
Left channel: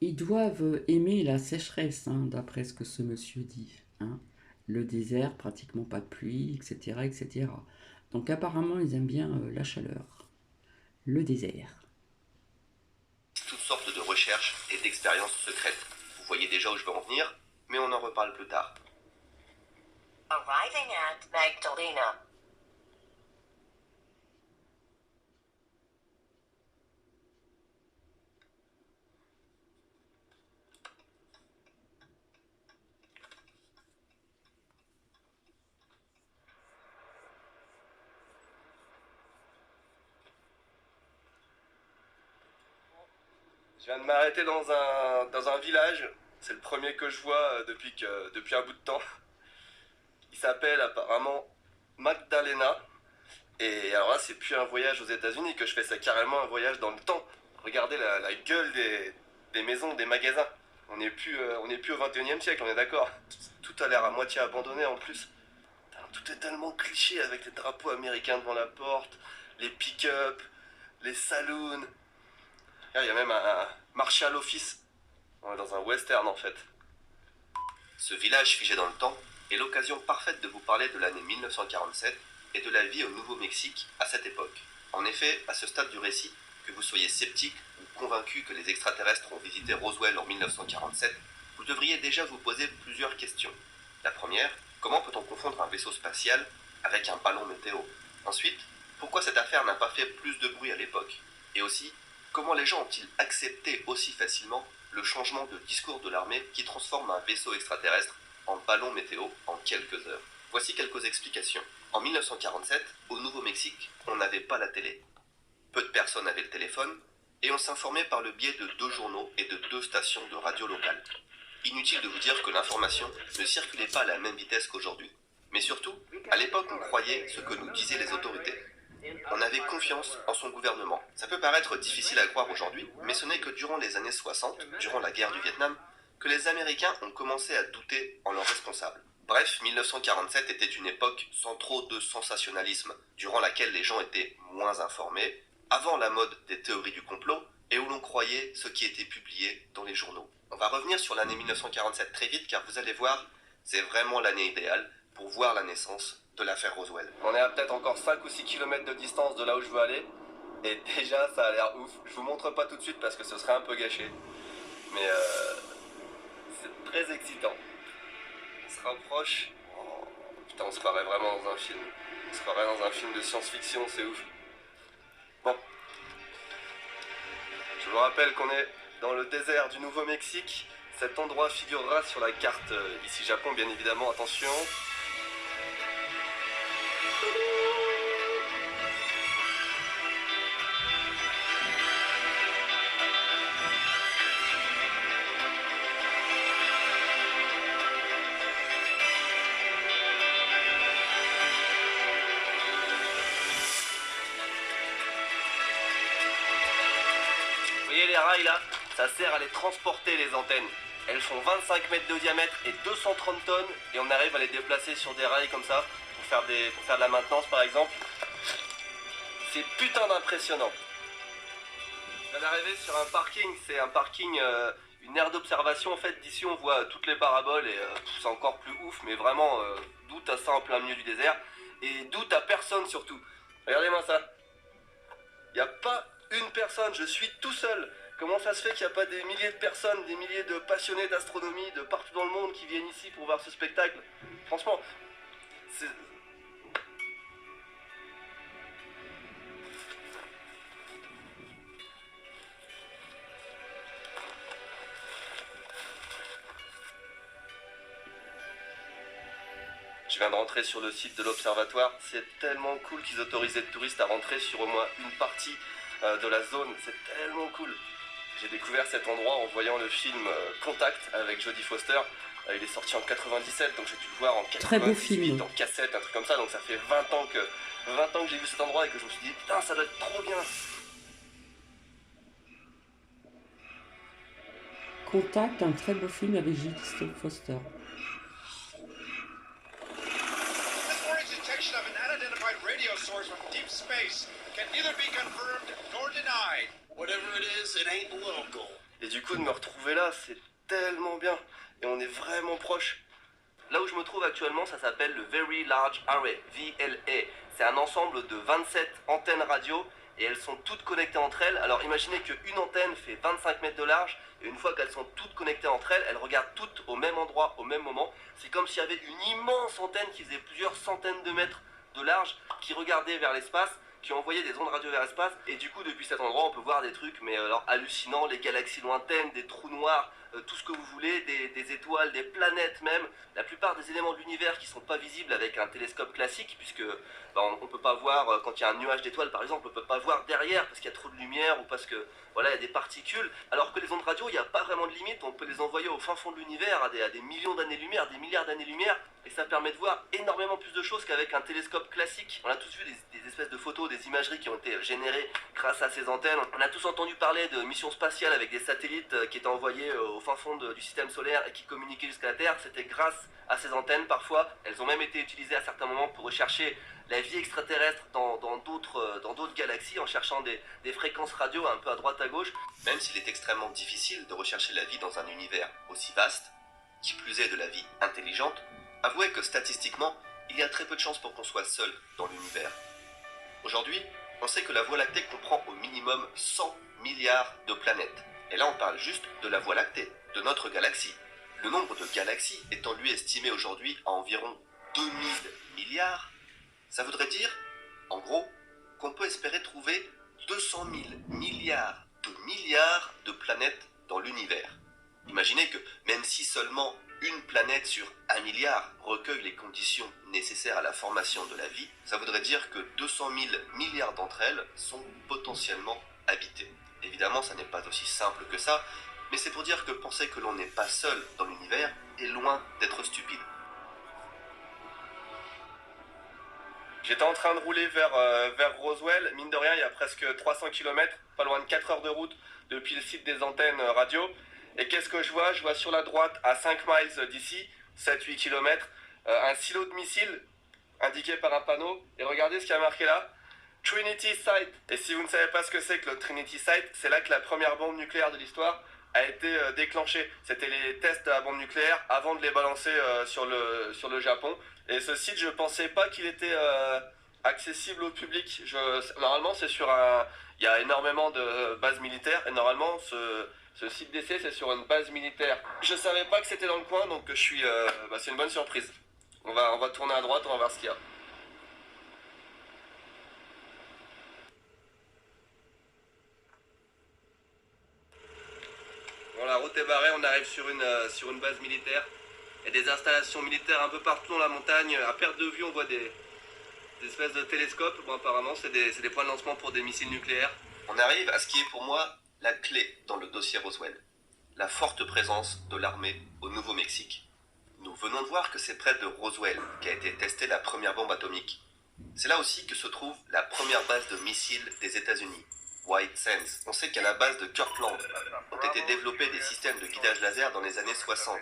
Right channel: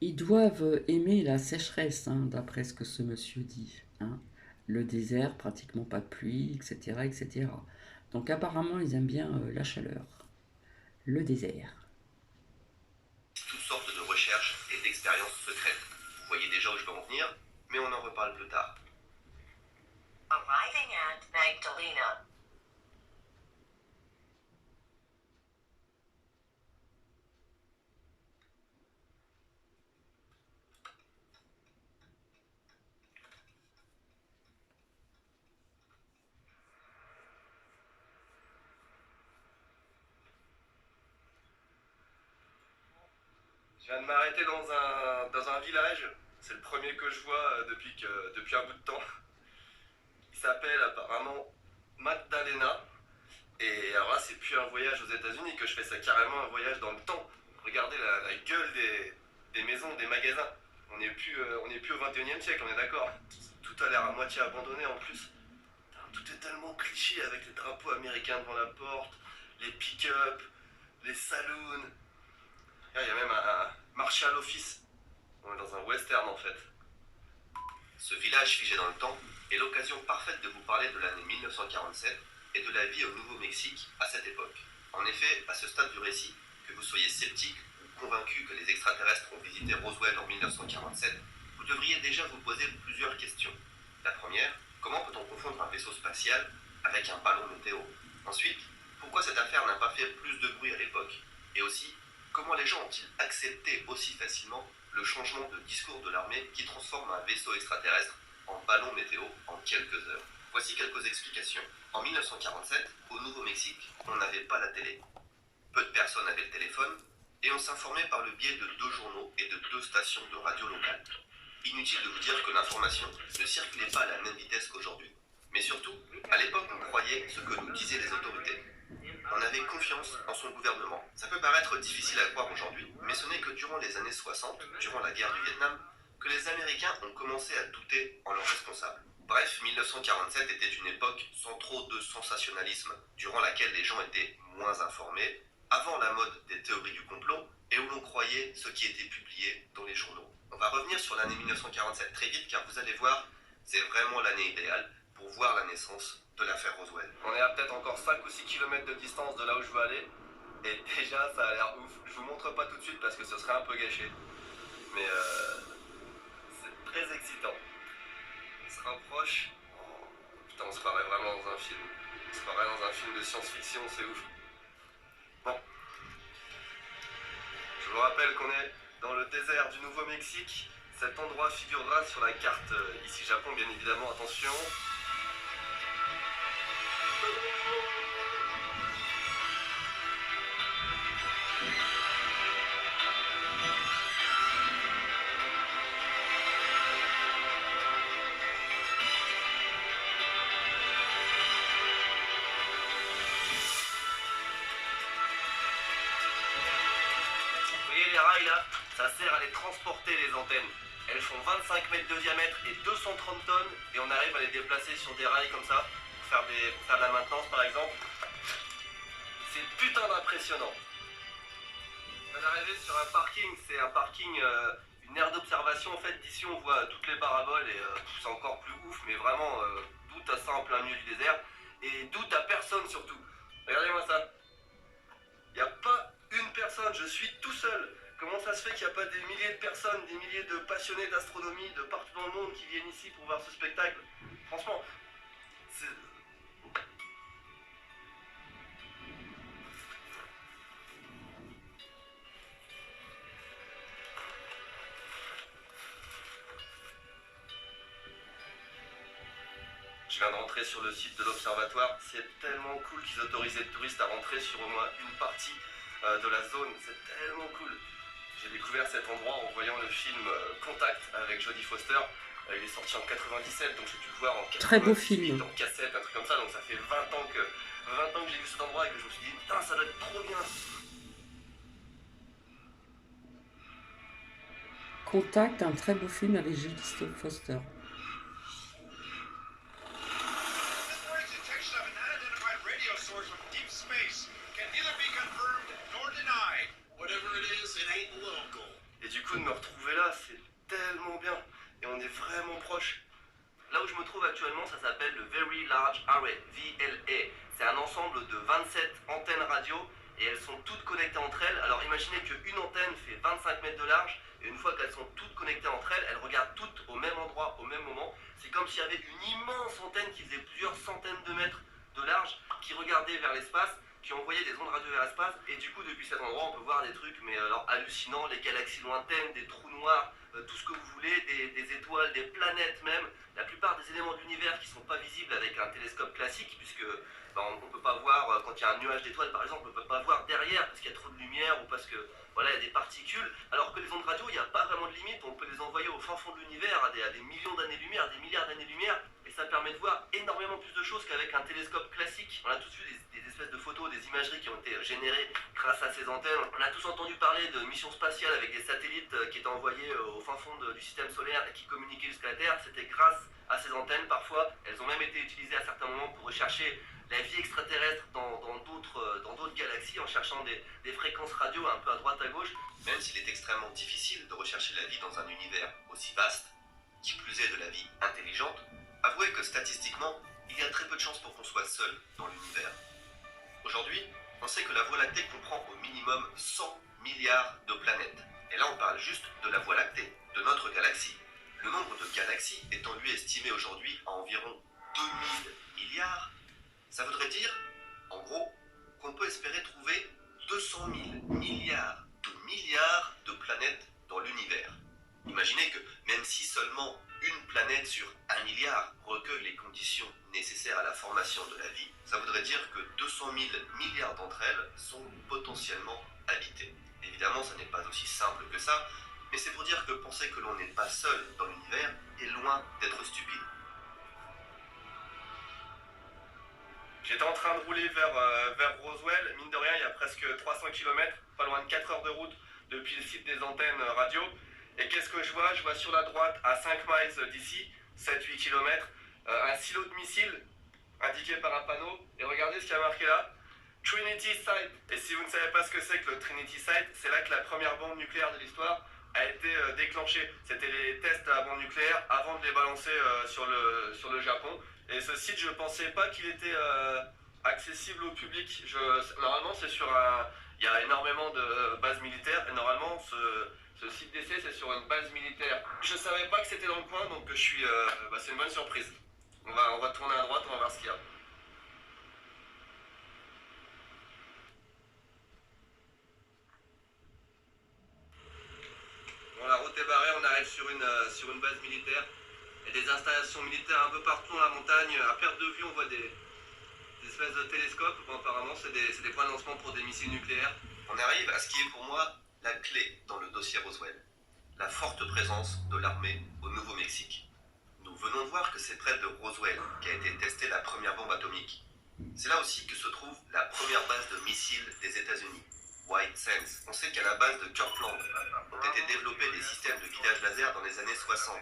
Ils doivent aimer la sécheresse, hein, d'après ce que ce monsieur dit. Hein. Le désert, pratiquement pas de pluie, etc., etc. Donc apparemment, ils aiment bien la chaleur. Le désert. Toutes sortes de recherches et d'expériences secrètes. Vous voyez déjà où je veux en venir, mais on en reparle plus tard. Arriving at Magdalena. Je viens de m'arrêter dans un village. C'est le premier que je vois depuis un bout de temps. Il s'appelle apparemment Magdalena. Et alors là, c'est plus un voyage aux États-Unis que je fais, c'est carrément un voyage dans le temps. Regardez la gueule des maisons, des magasins. On n'est plus au 21e siècle, on est d'accord. Tout a l'air à moitié abandonné en plus. Tout est tellement cliché avec les drapeaux américains devant la porte, les pick-up, les saloons. Il y a même un marché à l'office. On est dans un western en fait. Ce village figé dans le temps est l'occasion parfaite de vous parler de l'année 1947 et de la vie au Nouveau-Mexique à cette époque. En effet, à ce stade du récit, que vous soyez sceptique ou convaincu que les extraterrestres ont visité Roswell en 1947, vous devriez déjà vous poser plusieurs questions. La première, comment peut-on confondre un vaisseau spatial avec un ballon météo? Ensuite, pourquoi cette affaire n'a pas fait plus de bruit à l'époque? Et aussi, comment les gens ont-ils accepté aussi facilement le changement de discours de l'armée qui transforme un vaisseau extraterrestre en ballon météo en quelques heures? Voici quelques explications. En 1947, au Nouveau-Mexique, on n'avait pas la télé. Peu de personnes avaient le téléphone et on s'informait par le biais de 2 journaux et de 2 stations de radio locales. Inutile de vous dire que l'information ne circulait pas à la même vitesse qu'aujourd'hui. Mais surtout, à l'époque, on croyait ce que nous disaient les autorités. On avait confiance en son gouvernement. Ça peut paraître difficile à croire aujourd'hui, mais ce n'est que durant les années 60, durant la guerre du Vietnam, que les Américains ont commencé à douter en leurs responsables. Bref, 1947 était une époque sans trop de sensationnalisme, durant laquelle les gens étaient moins informés, avant la mode des théories du complot, et où l'on croyait ce qui était publié dans les journaux. On va revenir sur l'année 1947 très vite, car vous allez voir, c'est vraiment l'année idéale pour voir la naissance de l'affaire Roswell. On est à peut-être encore 5 ou 6 km de distance de là où je veux aller, et déjà ça a l'air ouf. Je vous montre pas tout de suite parce que ce serait un peu gâché, mais c'est très excitant. On se rapproche. Oh, putain, on se croirait vraiment dans un film. On se croirait dans un film de science-fiction, c'est ouf. Bon, je vous rappelle qu'on est dans le désert du Nouveau-Mexique. Cet endroit figurera sur la carte ici Japon, bien évidemment, attention. Vous voyez les rails là? Ça sert à les transporter les antennes. Elles font 25 mètres de diamètre et 230 tonnes et on arrive à les déplacer sur des rails comme ça pour faire de la maintenance par exemple. C'est putain d'impressionnant. Je viens d'arriver sur un parking, c'est un parking, une aire d'observation en fait. D'ici on voit toutes les paraboles et c'est encore plus ouf, mais vraiment d'où t'as ça en plein milieu du désert et d'où t'as personne surtout. Regardez-moi ça. Il n'y a pas une personne, je suis tout seul. Comment ça se fait qu'il n'y a pas des milliers de personnes, des milliers de passionnés d'astronomie de partout dans le monde qui viennent ici pour voir ce spectacle? Franchement, c'est... Je viens de rentrer sur le site de l'observatoire. C'est tellement cool qu'ils autorisent les touristes à rentrer sur au moins une partie de la zone. C'est tellement cool. J'ai découvert cet endroit en voyant le film Contact avec Jodie Foster. Il est sorti en 97, donc j'ai dû le voir en 98, Très beau film. en cassette, un truc comme ça. Donc ça fait 20 ans que j'ai vu cet endroit et que je me suis dit putain, ça doit être trop bien. Contact, un très beau film avec Jodie Foster. This morning's detection of an unidentified radio source from deep space can neither be confirmed nor denied. Whatever it is, it ain't local. Et du coup de me retrouver là, c'est tellement bien. Et on est vraiment proche. Là où je me trouve actuellement, ça s'appelle le Very Large Array, VLA. C'est un ensemble de 27 antennes radio et elles sont toutes connectées entre elles. Alors imaginez qu'une antenne fait 25 mètres de large et une fois qu'elles sont toutes connectées entre elles, elles regardent toutes au même endroit, au même moment. C'est comme s'il y avait une immense antenne qui faisait plusieurs centaines de mètres de large qui regardait vers l'espace, qui envoyait des ondes radio vers l'espace. Et du coup, depuis cet endroit, on peut voir des trucs mais alors hallucinants, les galaxies lointaines, des trous noirs, tout ce que vous voulez, des étoiles, des planètes même. La plupart des éléments de l'univers qui ne sont pas visibles avec un télescope classique, puisque on ne peut pas voir, quand il y a un nuage d'étoiles par exemple, on ne peut pas voir derrière parce qu'il y a trop de lumière ou parce que voilà, il y a des particules. Alors que les ondes radio, il n'y a pas vraiment de limite, on peut les envoyer au fin fond de l'univers à des millions d'années-lumière, des milliards d'années-lumière, et ça permet de voir énormément plus de choses qu'avec un télescope classique. On a tous vu des espèces de photos, des imageries qui ont été générées grâce à ces antennes. On a tous entendu parler de missions spatiales avec des satellites qui étaient envoyés au fin fond du système solaire et qui communiquaient jusqu'à la Terre. C'était grâce à ces antennes parfois. Elles ont même été utilisées à certains moments pour rechercher la vie extraterrestre dans d'autres galaxies en cherchant des fréquences radio un peu à droite à gauche. Même s'il est extrêmement difficile de rechercher la vie dans un univers aussi vaste, qui plus est de la vie intelligente, avouez que statistiquement, il y a très peu de chances pour qu'on soit seul dans l'univers. Aujourd'hui, on sait que la Voie lactée comprend au minimum 100 milliards de planètes. Et là, on parle juste de la Voie lactée, de notre galaxie. Le nombre de galaxies étant lui estimé aujourd'hui à environ 2000 milliards, ça voudrait dire, en gros, qu'on peut espérer trouver 200 000 milliards de planètes dans l'univers. Imaginez que même si seulement une planète sur 1 milliard recueille les conditions nécessaires à la formation de la vie, ça voudrait dire que 200 000 milliards d'entre elles sont potentiellement habitées. Évidemment, ça n'est pas aussi simple que ça, mais c'est pour dire que penser que l'on n'est pas seul dans l'univers est loin d'être stupide. J'étais en train de rouler vers Roswell, mine de rien il y a presque 300 km, pas loin de 4 heures de route depuis le site des antennes radio. Et qu'est-ce que je vois? Je vois sur la droite, à 5 miles d'ici, 7-8 km, un silo de missiles indiqué par un panneau. Et regardez ce qu'il y a marqué là, Trinity Site. Et si vous ne savez pas ce que c'est que le Trinity Site, c'est là que la première bombe nucléaire de l'histoire a été déclenchée. C'était les tests de la bombe nucléaire avant de les balancer sur le Japon. Et ce site, je pensais pas qu'il était accessible au public. Normalement, c'est sur un... Il y a énormément de bases militaires et normalement, ce site d'essai, c'est sur une base militaire. Je savais pas que c'était dans le coin, donc je suis... c'est une bonne surprise. On va tourner à droite, on va voir ce qu'il y a. route est barrée, on arrive sur une base militaire. Il y a des installations militaires un peu partout dans la montagne. À perte de vue, on voit des espèces de télescopes. Bon, apparemment, c'est des points de lancement pour des missiles nucléaires. On arrive à ce qui est pour moi la clé dans le dossier Roswell. La forte présence de l'armée au Nouveau-Mexique. Nous venons de voir que c'est près de Roswell qu'a été testée la première bombe atomique. C'est là aussi que se trouve la première base de missiles des États-Unis, White Sands. On sait qu'à la base de Kirkland ont été développés des systèmes de guidage laser dans les années 60,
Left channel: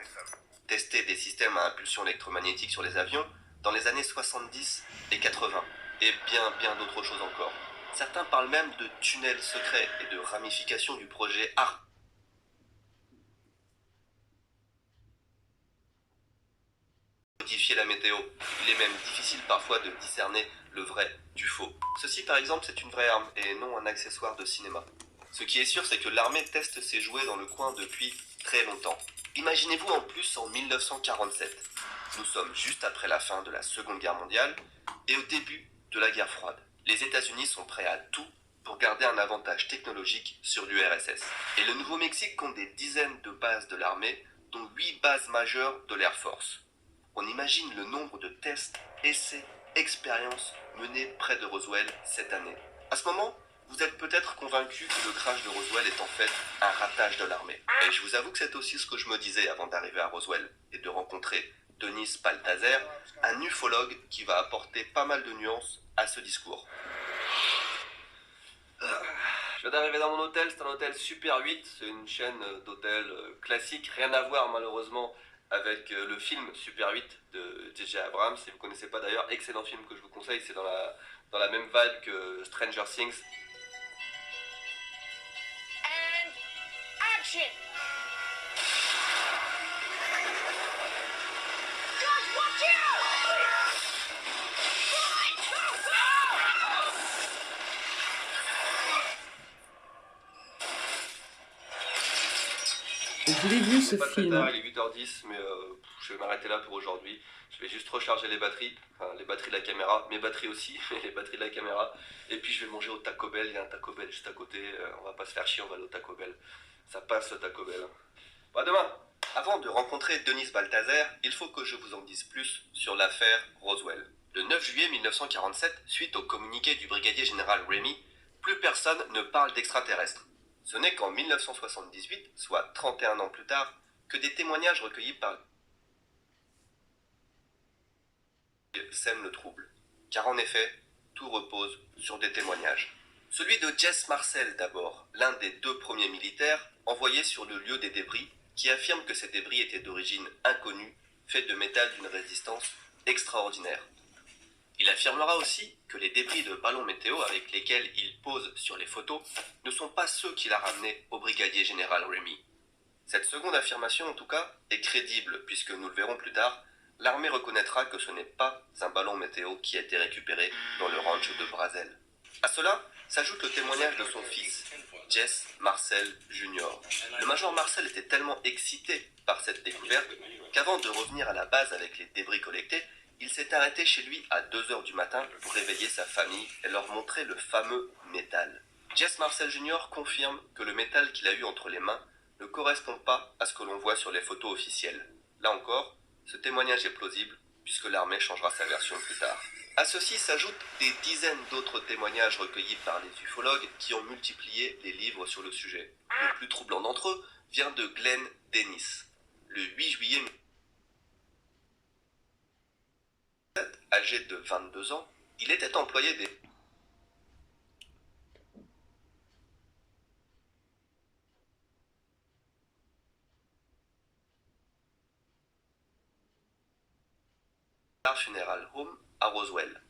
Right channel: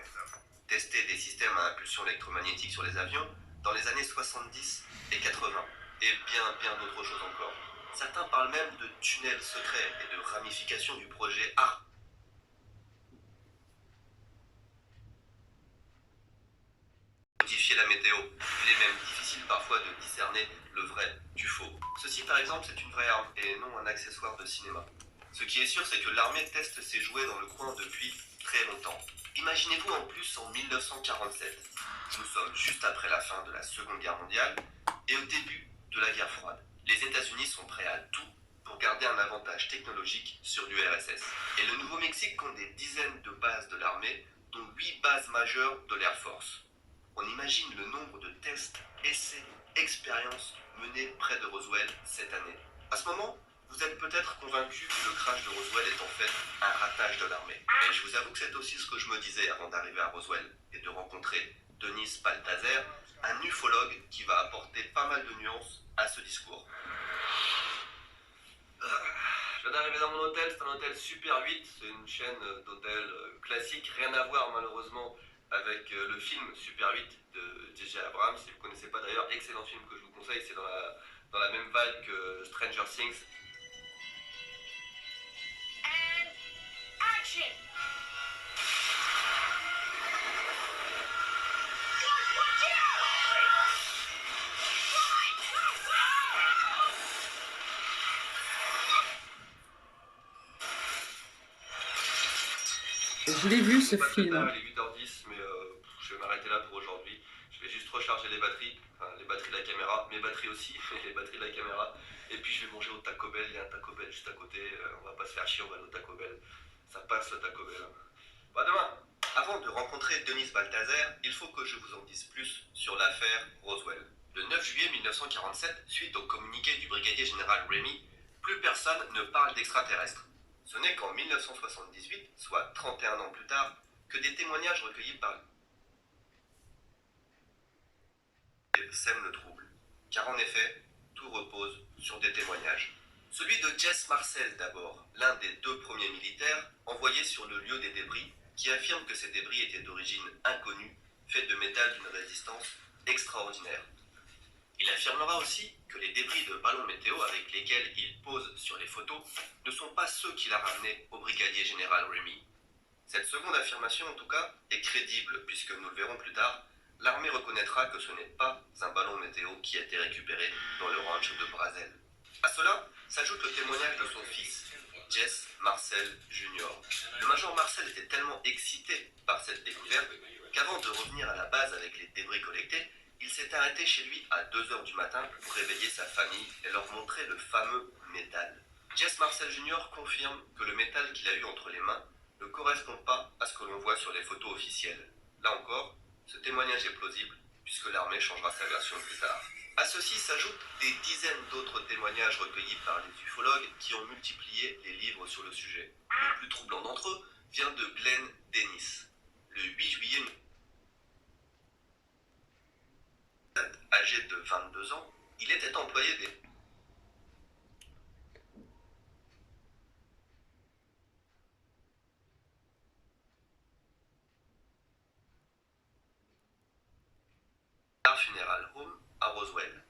testés des systèmes à impulsion électromagnétique sur les avions dans les années 70 et 80, et bien d'autres choses encore. Certains parlent même de tunnels secrets et de ramifications du projet ARP. Modifier la météo. Il est même difficile parfois de discerner le vrai du faux. Ceci par exemple c'est une vraie arme et non un accessoire de cinéma. Ce qui est sûr c'est que l'armée teste ses jouets dans le coin depuis très longtemps. Imaginez-vous en plus en 1947. Nous sommes juste après la fin de la Seconde Guerre mondiale et au début de la guerre froide. Les États-Unis sont prêts à tout pour garder un avantage technologique sur l'URSS. Et le Nouveau-Mexique compte des dizaines de bases de l'armée, dont 8 bases majeures de l'Air Force. On imagine le nombre de tests, essais, expériences menés près de Roswell cette année. À ce moment, vous êtes peut-être convaincu que le crash de Roswell est en fait un ratage de l'armée. Et je vous avoue que c'est aussi ce que je me disais avant d'arriver à Roswell et de rencontrer Denis Balthaser, un ufologue qui va apporter pas mal de nuances à ce discours. Je viens d'arriver dans mon hôtel, c'est un hôtel Super 8, c'est une chaîne d'hôtels classique, rien à voir malheureusement avec le film Super 8 de J.J. Abrams. Si vous ne connaissez pas d'ailleurs, excellent film que je vous conseille, c'est dans la même vibe que Stranger Things. And action! Guys, watch out! Je l'ai vu ce C'est pas très film. tard, il est 8h10, mais je vais m'arrêter là pour aujourd'hui. Je vais juste recharger les batteries, enfin, les batteries de la caméra, mes batteries aussi, et les batteries de la caméra. Et puis je vais manger au Taco Bell, il y a un Taco Bell juste à côté, on va pas se faire chier, on va aller au Taco Bell. Ça passe le Taco Bell. Bon, à demain. Avant de rencontrer Denis Balthaser, il faut que je vous en dise plus sur l'affaire Roswell. Le 9 juillet 1947, suite au communiqué du brigadier général Ramey, plus personne ne parle d'extraterrestres. Ce n'est qu'en 1978, soit 31 ans plus tard, que des témoignages recueillis par sèment le trouble. Car en effet, tout repose sur des témoignages. Celui de Jess Marcel d'abord, l'un des 2 premiers militaires envoyés sur le lieu des débris, qui affirme que ces débris étaient d'origine inconnue, faits de métal d'une résistance extraordinaire. Il affirmera aussi que les débris de ballons météo avec lesquels il pose sur les photos ne sont pas ceux qu'il a ramenés au brigadier général Ramey. Cette seconde affirmation, en tout cas, est crédible puisque, nous le verrons plus tard, l'armée reconnaîtra que ce n'est pas un ballon météo qui a été récupéré dans le ranch de Brazel. À cela s'ajoute le témoignage de son fils, Jess Marcel Jr. Le major Marcel était tellement excité par cette découverte qu'avant de revenir à la base avec les débris collectés, il s'est arrêté chez lui à 2h du matin pour réveiller sa famille et leur montrer le fameux métal. Jess Marcel Jr. confirme que le métal qu'il a eu entre les mains ne correspond pas à ce que l'on voit sur les photos officielles. Là encore, ce témoignage est plausible puisque l'armée changera sa version plus tard. À ceci s'ajoutent des dizaines d'autres témoignages recueillis par les ufologues qui ont multiplié les livres sur le sujet. Le plus troublant d'entre eux vient de Glenn Dennis. Le 8 juillet, âgé de 22 ans, il était employé des Funeral Home à Roswell.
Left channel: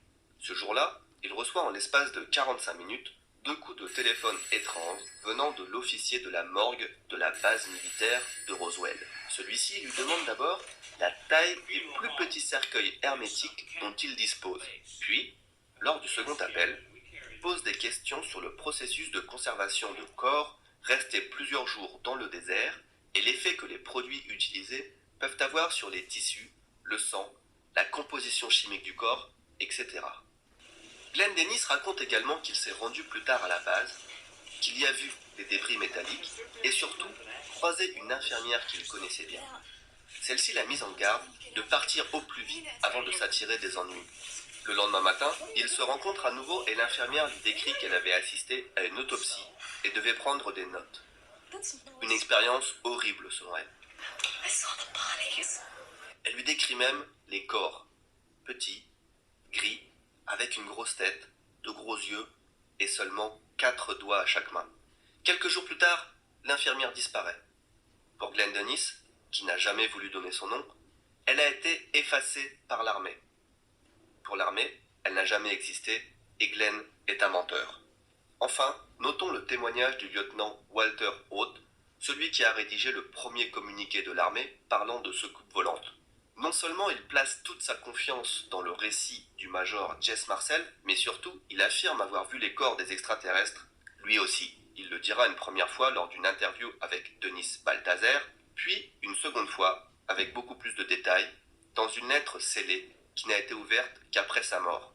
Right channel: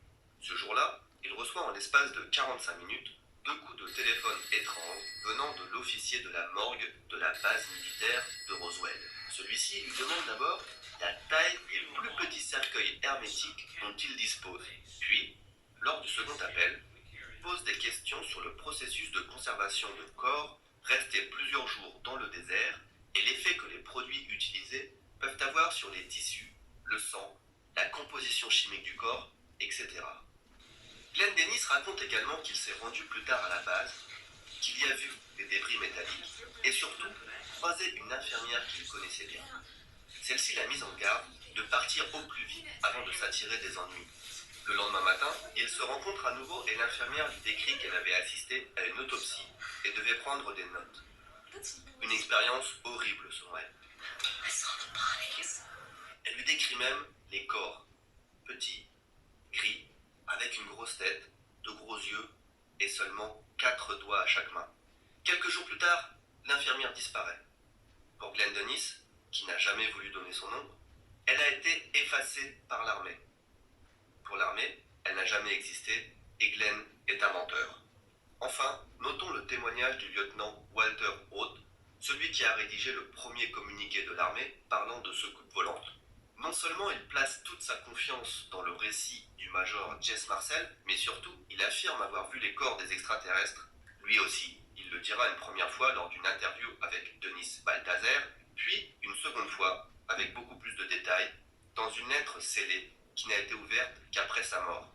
Ce jour-là, il reçoit en l'espace de 45 minutes 2 coups de téléphone étranges venant de l'officier de la morgue de la base militaire de Roswell. Celui-ci lui demande d'abord la taille des plus petits cercueils hermétiques dont il dispose. Puis, lors du second appel, pose des questions sur le processus de conservation de corps restés plusieurs jours dans le désert et l'effet que les produits utilisés peuvent avoir sur les tissus, le sang, la composition chimique du corps, etc. Glenn Dennis raconte également qu'il s'est rendu plus tard à la base, qu'il y a vu des débris métalliques et surtout croisé une infirmière qu'il connaissait bien. Celle-ci l'a mise en garde de partir au plus vite avant de s'attirer des ennuis. Le lendemain matin, ils se rencontrent à nouveau et l'infirmière lui décrit qu'elle avait assisté à une autopsie et devait prendre des notes. Une expérience horrible selon elle. Elle lui décrit même les corps, petits, gris, avec une grosse tête, de gros yeux et seulement 4 doigts à chaque main. Quelques jours plus tard, l'infirmière disparaît. Pour Glenn Dennis, qui n'a jamais voulu donner son nom, elle a été effacée par l'armée. Pour l'armée, elle n'a jamais existé et Glenn est un menteur. Enfin, notons le témoignage du lieutenant Walter Haut, celui qui a rédigé le premier communiqué de l'armée parlant de secoupes volantes. Non seulement il place toute sa confiance dans le récit du major Jess Marcel, mais surtout il affirme avoir vu les corps des extraterrestres, lui aussi. Il le dira une première fois lors d'une interview avec Denis Balthazar, puis une seconde fois, avec beaucoup plus de détails, dans une lettre scellée qui n'a été ouverte qu'après sa mort.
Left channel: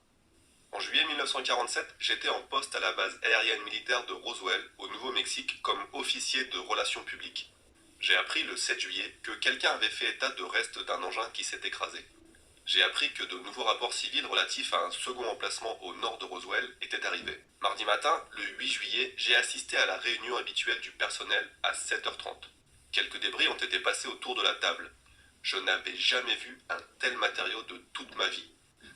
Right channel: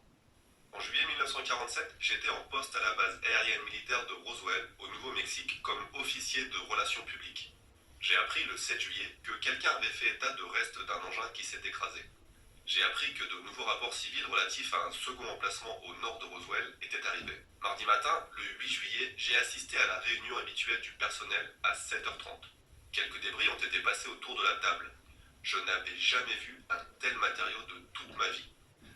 En juillet 1947, j'étais en poste à la base aérienne militaire de Roswell, au Nouveau-Mexique, comme officier de relations publiques. J'ai appris le 7 juillet que quelqu'un avait fait état de restes d'un engin qui s'est écrasé. J'ai appris que de nouveaux rapports civils relatifs à un second emplacement au nord de Roswell étaient arrivés. Mardi matin, le 8 juillet, j'ai assisté à la réunion habituelle du personnel à 7h30. Quelques débris ont été passés autour de la table. Je n'avais jamais vu un tel matériau de toute ma vie.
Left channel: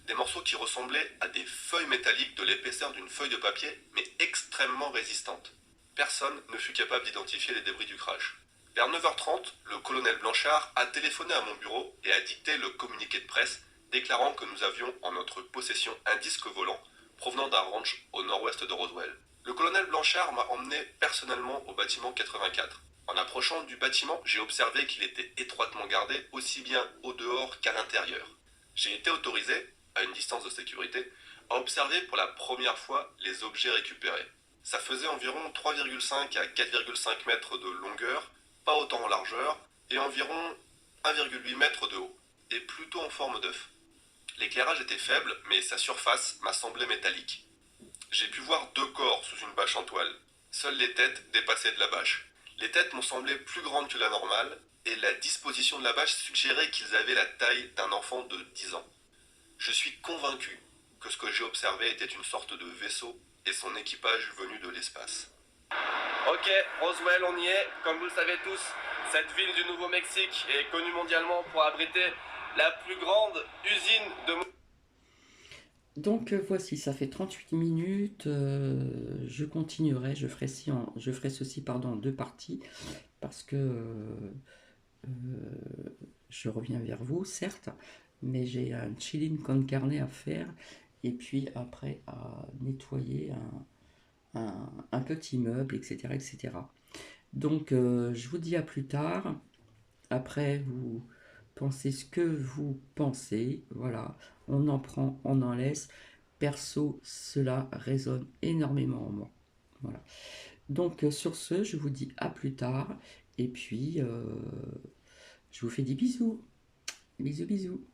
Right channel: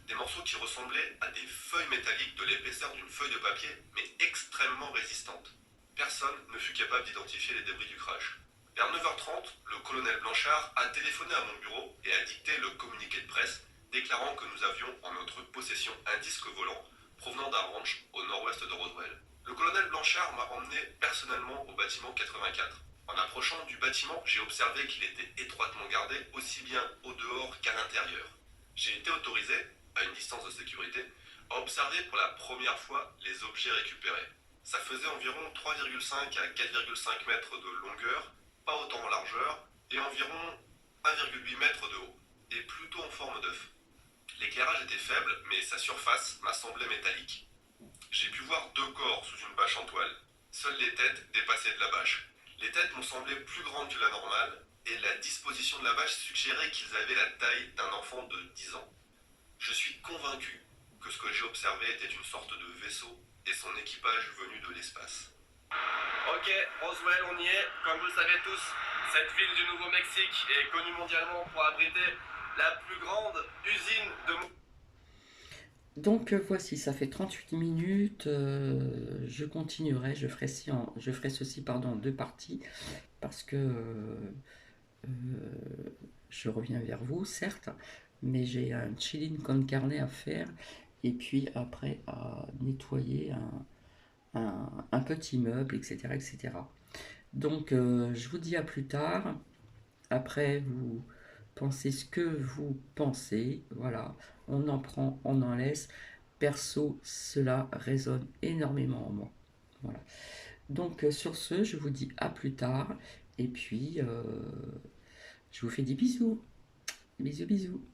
Des morceaux qui ressemblaient à des feuilles métalliques de l'épaisseur d'une feuille de papier, mais extrêmement résistantes. Personne ne fut capable d'identifier les débris du crash. Vers 9h30, le colonel Blanchard a téléphoné à mon bureau et a dicté le communiqué de presse déclarant que nous avions en notre possession un disque volant provenant d'un ranch au nord-ouest de Roswell. Le colonel Blanchard m'a emmené personnellement au bâtiment 84. En approchant du bâtiment, j'ai observé qu'il était étroitement gardé aussi bien au dehors qu'à l'intérieur. J'ai été autorisé, à une distance de sécurité, à observer pour la première fois les objets récupérés. Ça faisait environ 3,5 à 4,5 mètres de longueur, pas autant en largeur, et environ 1,8 mètres de haut, et plutôt en forme d'œuf. L'éclairage était faible, mais sa surface m'a semblé métallique. J'ai pu voir 2 corps sous une bâche en toile. Seules les têtes dépassaient de la bâche. Les têtes m'ont semblé plus grandes que la normale, et la disposition de la bâche suggérait qu'ils avaient la taille d'un enfant de 10 ans. Je suis convaincu que ce que j'ai observé était une sorte de vaisseau et son équipage venu de l'espace. Ok, Roswell, on y est. Comme vous le savez tous, cette ville du Nouveau-Mexique est connue mondialement pour abriter la plus grande usine de... Donc voici, ça fait 38 minutes, je continuerai, je ferai ceci en 2 parties, parce que je reviens vers vous, certes, mais j'ai un chilling con carne à faire, et puis après à nettoyer un petit meuble, etc., etc. Donc je vous dis à plus tard, après vous pensez ce que vous pensez, voilà, on en prend, on en laisse. Perso, cela résonne énormément en moi. Voilà. Donc sur ce, je vous dis à plus tard. Et puis, je vous fais des bisous. Bisous, bisous.